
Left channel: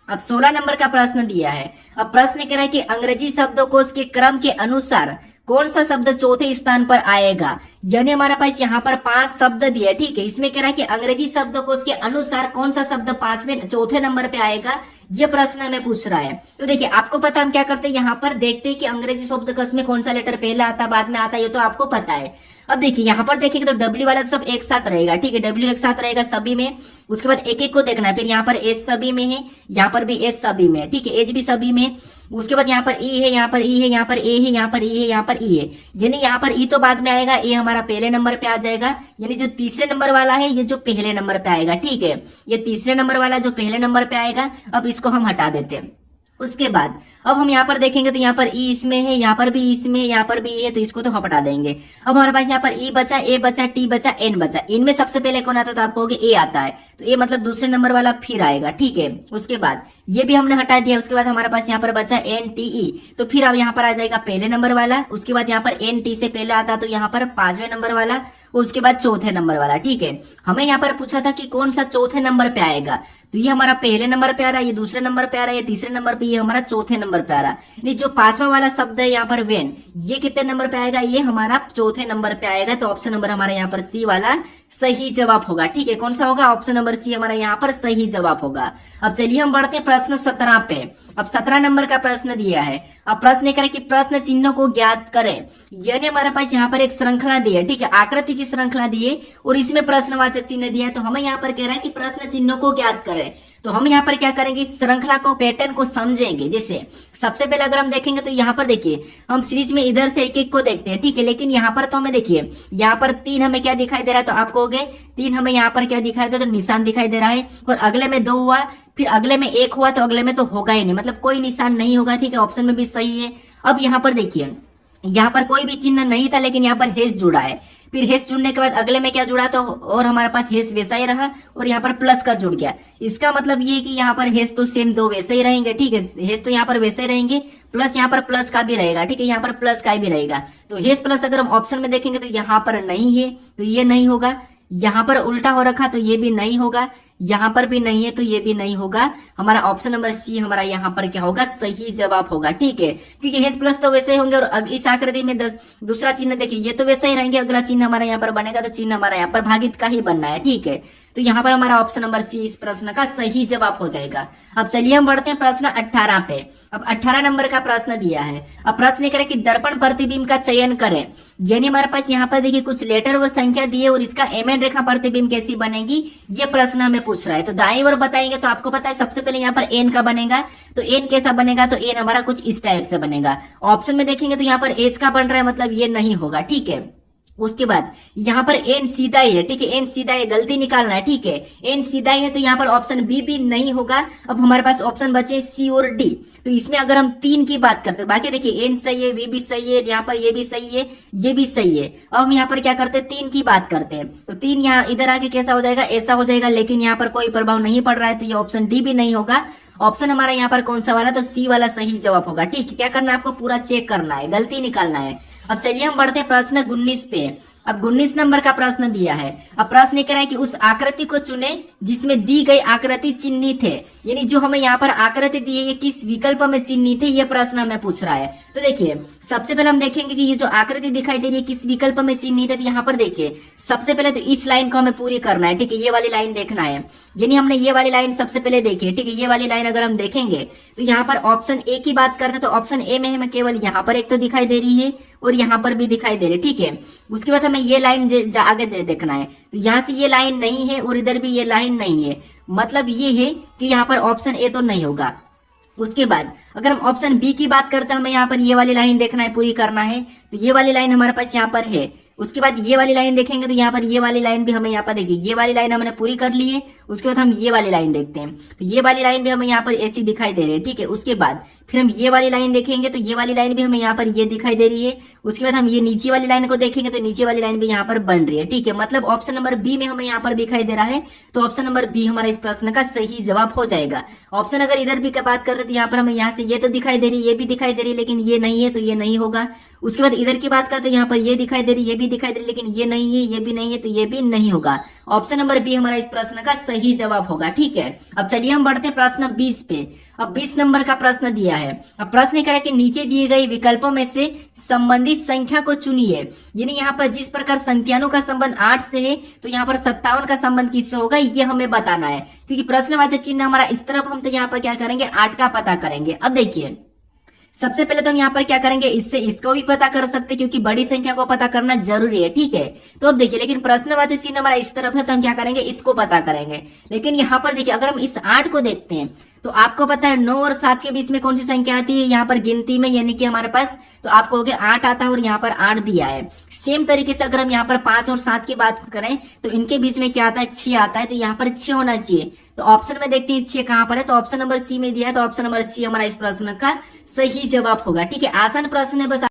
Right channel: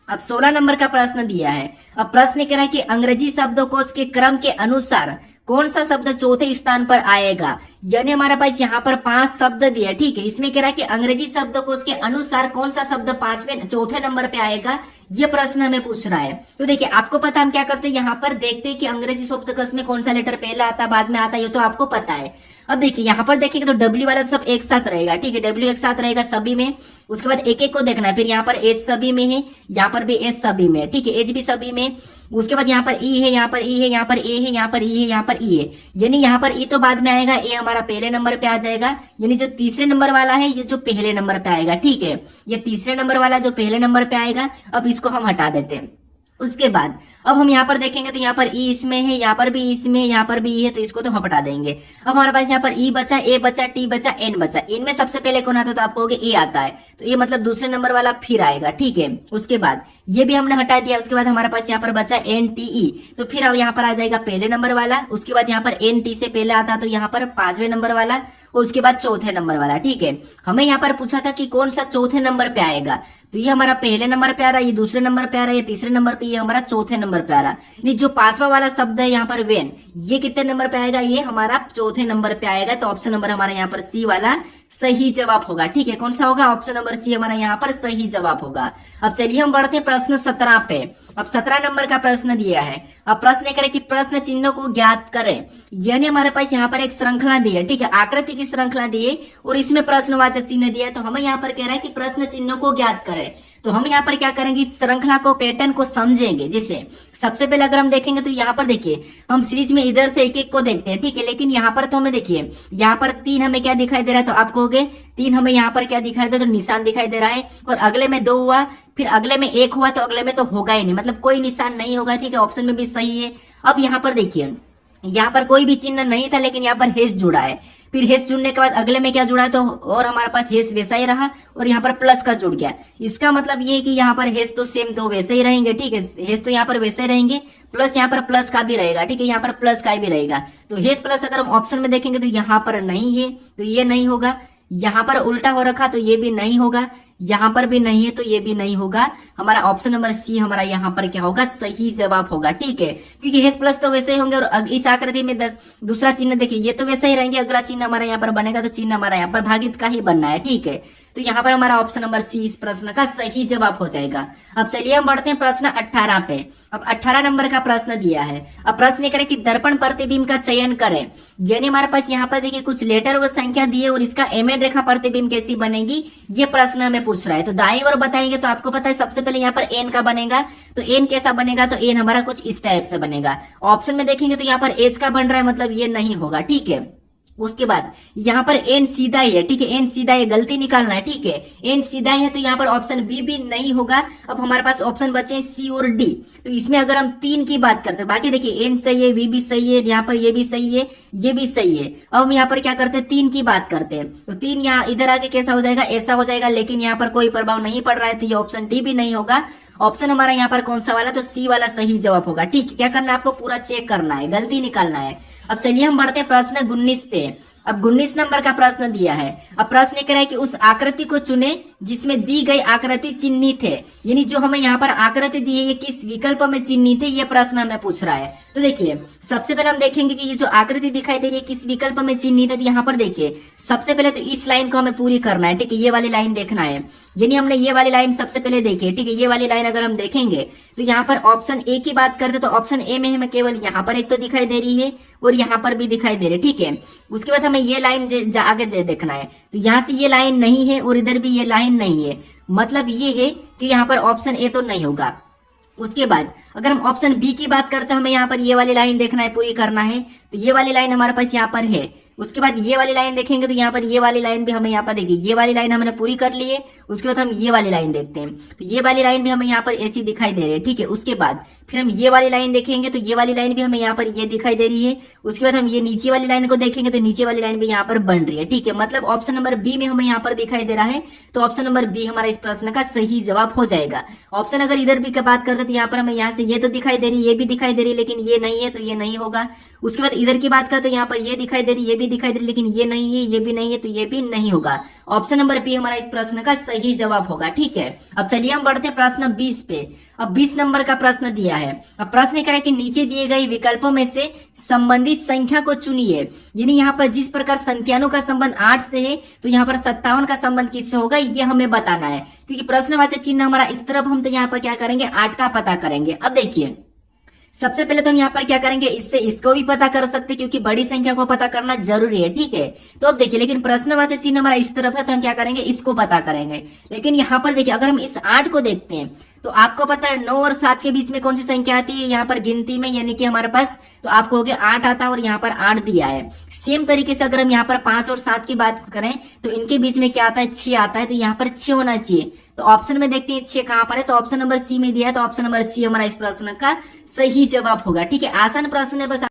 अब 16 नंबर का प्रश्न दिया है। अब प्रश्न कह रहा है कि अंग्रेजी शब्दकोश के क्रम के अनुसार कौन सा शब्द चौथे स्थान पर आएगा? यानी हमारे पास यहाँ पर 5 शब्द दिए। ठीक है, इसमें कह रहा है कि अंग्रेजी शब्दकोश के अनुसार कौन सा शब्द चौथे नंबर पे आएगा, ये प्रश्न हमें पूछ रहा है। तो देखिए आपको पता हम क्या करते हैं, यहाँ पर देखते हैं कि अंग्रेजी शब्दकोश में कौन सा लेटर पहले आता है बाद में आता है, ये तो आपको पता है। अब देखिए यहाँ पर देखेंगे तो डब्ल्यू वाला तो सब एक साथ रहेगा। ठीक है, डब्ल्यू एक साथ रहेगा सभी में। उसके बाद एक एक को देखना है। फिर यहाँ पर एच सभी में है, यहाँ पर भी एच सभी में है। ठीक है, एच भी सभी में। उसके बाद यहाँ पर ई है, यहाँ पर ई है, यहाँ पर ए है, यहाँ पर ई है, यहाँ पर ई है। यानी यहाँ पर ई तो बाद में आएगा, ए हमारा पहले नंबर पे आ जाएगा। यानी जो तीसरे नंबर वाला है ये जो पहले नंबर पे आएगा। ठीक है, ये तीसरे नंबर वाला जो पहले नंबर पे आएगा। अब इसको हम हटा देते हैं। उसके बाद अब हम यहाँ पर देखेंगे तो यहाँ पर ई इसमें है, यहाँ पर भी इसमें है, यहाँ पर भी ई है, तो इसको तो हम हटा देंगे। अब हमारे पास यहाँ पर ई बचा, ए बचा, टी बचा, एन बचा। इनमें सबसे पहले कौन आता है तो आप कहोगे ए आता है, तो ये मतलब दूसरे नंबर वाला फिर आएगा, ठीक है। उसके बाद ये भी हमने हटा दिया। उसके बाद हमारे पास यहाँ पर बचा एन टी ई, तो फिर अब यहाँ पर आ जाएगा पहले नंबर वाला। उसके बाद यहाँ पर एन टी से पहले आता तो यहाँ पर 5वें नंबर वाला, उसके बाद चौथे नंबर वाला, ठीक है। हमें यहाँ पर पूछा था कि कौन सा चौथे नंबर पे आएगा, तो ये हमारा पहले नंबर पे आ रहा है, ये दूसरे नंबर पे आ रहा है, ये तीसरे नंबर पे, ये हमारा चौथे नंबर पे आ रहा है। जो 5वां वाला शब्द है यहाँ पर वेन, ये कितने नंबर पे आएगा, ये हमारा चौथे नंबर पे आएगा। तो ऑप्शन नंबर हमारा यहाँ पर सी वाला सही जवाब होगा, ठीक है। कौन सा होगा, ऑप्शन नंबर सी हमारा यहाँ पर सही जवाब होगा। अब चलिए हम बढ़ते हैं प्रश्न 17 पे। अब 17 नंबर का प्रश्न दिया है। अब प्रश्न करें कि प्रश्न चिन्हों को ज्ञात करें, यानी हमारे पास यहाँ पर एक श्रृंखला दी है, ठीक है, आकृति की श्रृंखला दी है और इसमें प्रश्नवाचक चिन्ह दिया है। तो हमें यहाँ पर कह रहा है कि प्रश्न चिन्हों को ज्ञात करें, तो हम यहाँ पर क्या करेंगे, इस श्रृंखला को, पैटर्न को समझेंगे। जैसे सबसे पहले अगर हम देखेंगे तो यहाँ पर देखिए हम सीरीज में इधर से एक एक को देखते हैं, ठीक है, लेकिन यहाँ पर तो हमें देखिए यहाँ पर 3 हमें क्या दिखाई दे रहा है, तो आप कहोगे 3 हमें यहाँ पर क्या दिखाई दे रहा है, तो निशान दिखाई दे रहा है। और अगले में 2 हुआ, फिर अगले में 1 हुआ, तो अगले में तो होगा ही नहीं, मतलब कोई निशान नहीं होगा, ठीक है। ऑप्शन में भी सही है। अब यहाँ पर देखिए यहाँ पर कोई भी चिन्ह नहीं था, लेकिन यहाँ पर हेस जुड़ा है। फिर हेस जुड़ने के बाद अगले में क्या जुड़ा, तो और हमारे पास हेस वैसा ही रहा और यहाँ पर प्लस का जुड़ गया। इसका मतलब ये कि यहाँ पर हेस तो सेम 2 वैसे ही रहेंगे, ठीक है, हेस तो यहाँ पर वैसे ही रहेंगे, प्लस यहाँ पर प्लस का भी रहेगा, ठीक है, यहाँ पर प्लस का भी रहेगा। तो हेस प्लस अगर हम ऑप्शन में देखेंगे तो यहाँ पर नहीं है, तो ये नहीं होगा। यहाँ पर उल्टा हो रखा तो ये भी नहीं होगा, यहाँ पर भी नहीं है तो ये भी नहीं होगा। हमारा ऑप्शन नंबर सी हमारा यहाँ पर क्या होगा, सही जवाब होगा, ठीक है। क्योंकि हेस प्लस तो वैसे ही होंगे और इस आकृति में 10 दूसरा चिन्ह देखिए ये तो वैसे ही रहेंगे, अगला चिन्ह हमारा यहाँ पर बनेगा तो चिन्ह हमारा यहाँ पर भागित का ही बनना है, ठीक है। तो यहाँ पर हमारा ऑप्शन नंबर सी इस प्रश्न का सही जवाब हो जाएगा। अब चलिए हम बढ़ते हैं प्रश्न 18 पे। अब 18 नंबर का प्रश्न दिया है। अब प्रश्न करें कि दर्पण प्रतिबिंब का चयन करें, यानी हमारे पास यहाँ पर देखिए कुछ लेटर और संख्या दिए और इसका एमएन रेखा प्रतिबिंब कैसी बनेगी, ये प्रश्न हमें पूछ रहा है। तो दाईं ओर बताएंगे तो आपको पता है सबसे पहले यहाँ पर एन का बनेगा, तो एन कैसा बनेगा, तो एन हमारा कुछ इस टाइप से बनेगा। ऑप्शन में देखेंगे तो यहाँ पर एच का बन रहा है, मतलब ये नहीं होगा, ठीक है। उसके बाद यहाँ पर एन सीधा ही है, ठीक है, एन सीधा है, गलती निकालना है, ठीक है, एन सीधा ही है, तो यहाँ पर ऑप्शन बी भी नहीं होगा। अब हमारे पास ऑप्शन बचे सी और डी, तो इसमें अगर हम 3 की बात करते हैं, बाकी देखिए एन सही है, वी भी सही है, यहाँ पर ये भी सही है, ये भी सही है। अब हम यहाँ पर क्या करते हैं, 3 की बात करते हैं, तो 3 यहाँ इधर आके कैसा हो जाएगा, ऐसा हो जाएगा, लेकिन यहाँ पर कोई प्रभाव नहीं पड़ रहा है, तो ये ऑप्शन डी भी नहीं होगा। ऑप्शन हमारा यहाँ पर कौन सा वाला, तो सी वाला सही जवाब होगा, ठीक है। क्या करना है, आपको पूरा चेक करना है, गलती निकालना है। अब चलिए हम बढ़ते प्रश्न 19 पे। अब 19 नंबर का प्रश्न दिया है। अब प्रश्न ये कह रहा है कि उस आकृति को चुने जिसमें दी गई आकृति चिन्हित है, यानी जो हमें यहाँ पर आकृति दी है ये किस विकल्प में चिन्हित है, ये प्रश्न हमें पूछ रहा है। तो देखिए सबसे पहले हम देखेंगे कि ये जो आकृति दिखाई दे रही है किस विकल्प में चिन्हित है। तो यहाँ पर देखिए सबसे पहले तो इस लाइन को हमें पूरी करना है, ठीक है, ये वाली लाइन देखना है, यानी हमने ये वाली लाइन सबसे पहले देखी है, ठीक है। ये वाली लाइन अगर हम देखेंगे तो यहाँ पर ऑप्शन ए की बात करते तो ऑप्शन ए में हमें केवल यहाँ पर एक तो दिखाई दे रही है और यहाँ पर भी दिखाई दे रही है, ठीक है। उसके बाद हमें ये लाइन आगे देखना है, तो यहाँ से ये लाइन नहीं है और इधर भी ये लाइन नहीं है, मतलब ये है कि यहाँ पर ऑप्शन ए तो नहीं होगा। उसके बाद अगर हम ऑप्शन बी की बात करते हैं, हमें यहाँ पर ये वाली लाइन देखना है, पूरी करना है, तो ये वाली लाइन हमारे पास यहाँ पर है। उसके बाद ये वाली लाइन देखेंगे तो यहाँ पर ये वाली लाइन भी हमें यहाँ पर देखिए, ये वाली लाइन हमने पूरी कर ली है। उसके बाद हम ये वाली लाइन देखते हैं, तो ये वाली लाइन भी हमें यहाँ पर ऐसी दिखाई दे रही है, ठीक है। उसके बाद फिर हम ये वाली लाइन देखेंगे तो ये वाली लाइन भी हमें यहाँ पर ये दिखाई दे रही है। उसके बाद हम ये नीचे वाली लाइन को देखेंगे तो नीचे वाली लाइन भी यहाँ पर बन रही है, ठीक है। मतलब ऑप्शन नंबर बी में हमें यहाँ पर दिखाई दे रहा है, तो ऑप्शन नंबर बी हमारा इस प्रश्न का सही जवाब हो जाएगा। ऑप्शन अगर इधर भी की बात करते तो यहाँ पर हमें यहाँ से ये तो दिखाई दे रही है, ये भी दिखाई दे रही है, लेकिन ये नहीं है, तो ये नहीं होगा। उसके बाद इधर की बात करते हैं, यहाँ पर ये दिखाई दे रही है, ये भी दिखाई दे रही है, लेकिन ये नहीं है, ये भी नहीं है, तो ये भी नहीं होगा। ऑप्शन नंबर बी हमारा इस प्रश्न का सही जवाब होगा, ठीक है। अब चलिए हम बढ़ते हैं प्रश्न 20 पे। अब 20 नंबर का प्रश्न दिया है। अब प्रश्न कह रहा है कि नीचे दिए गए विकल्पों में से संबंधित संख्या को चुनिए, यानी यहाँ पर जिस प्रकार संख्याओं का संबंध 8 से है तो यहाँ पर 57 का संबंध किससे होगा, ये हमें बताना है। क्योंकि प्रश्नवाचक चिन्ह हमारा इस तरफ, हम तो यहाँ पर क्या करेंगे, 8 का पता करेंगे। अब देखिए सबसे पहले तो हम यहाँ पर क्या करेंगे, इससे इसको भी पता कर सकते हैं, क्योंकि बड़ी संख्या को पता करना जरूरी है, ठीक है। तो अब देखिए लेकिन प्रश्नवाचक चिन्ह हमारा इस तरफ है, तो हम क्या करेंगे, इसको पता करेंगे। लेकिन यहाँ पर देखिए अगर हम इस 8 को देखते हैं तो आपको पता है 9 और 7 के बीच में कौन सी संख्या आती है यहाँ पर गिनती में, यानी कि हमारे पास, तो आपको हो गया 8 आता है और यहाँ पर 8 दिया है। सेम तरीके से अगर हम यहाँ पर 5 और 7 की बात करें तो इनके बीच में क्या आता है, 6 आता है, तो यहाँ पर 6 होना चाहिए। तो ऑप्शन में देखते हैं 6 कहाँ पर है, तो ऑप्शन नंबर सी में दिया है, तो ऑप्शन नंबर सी हमारा इस प्रश्न का सही जवाब होगा। ठीक है, आसान प्रश्न है, बस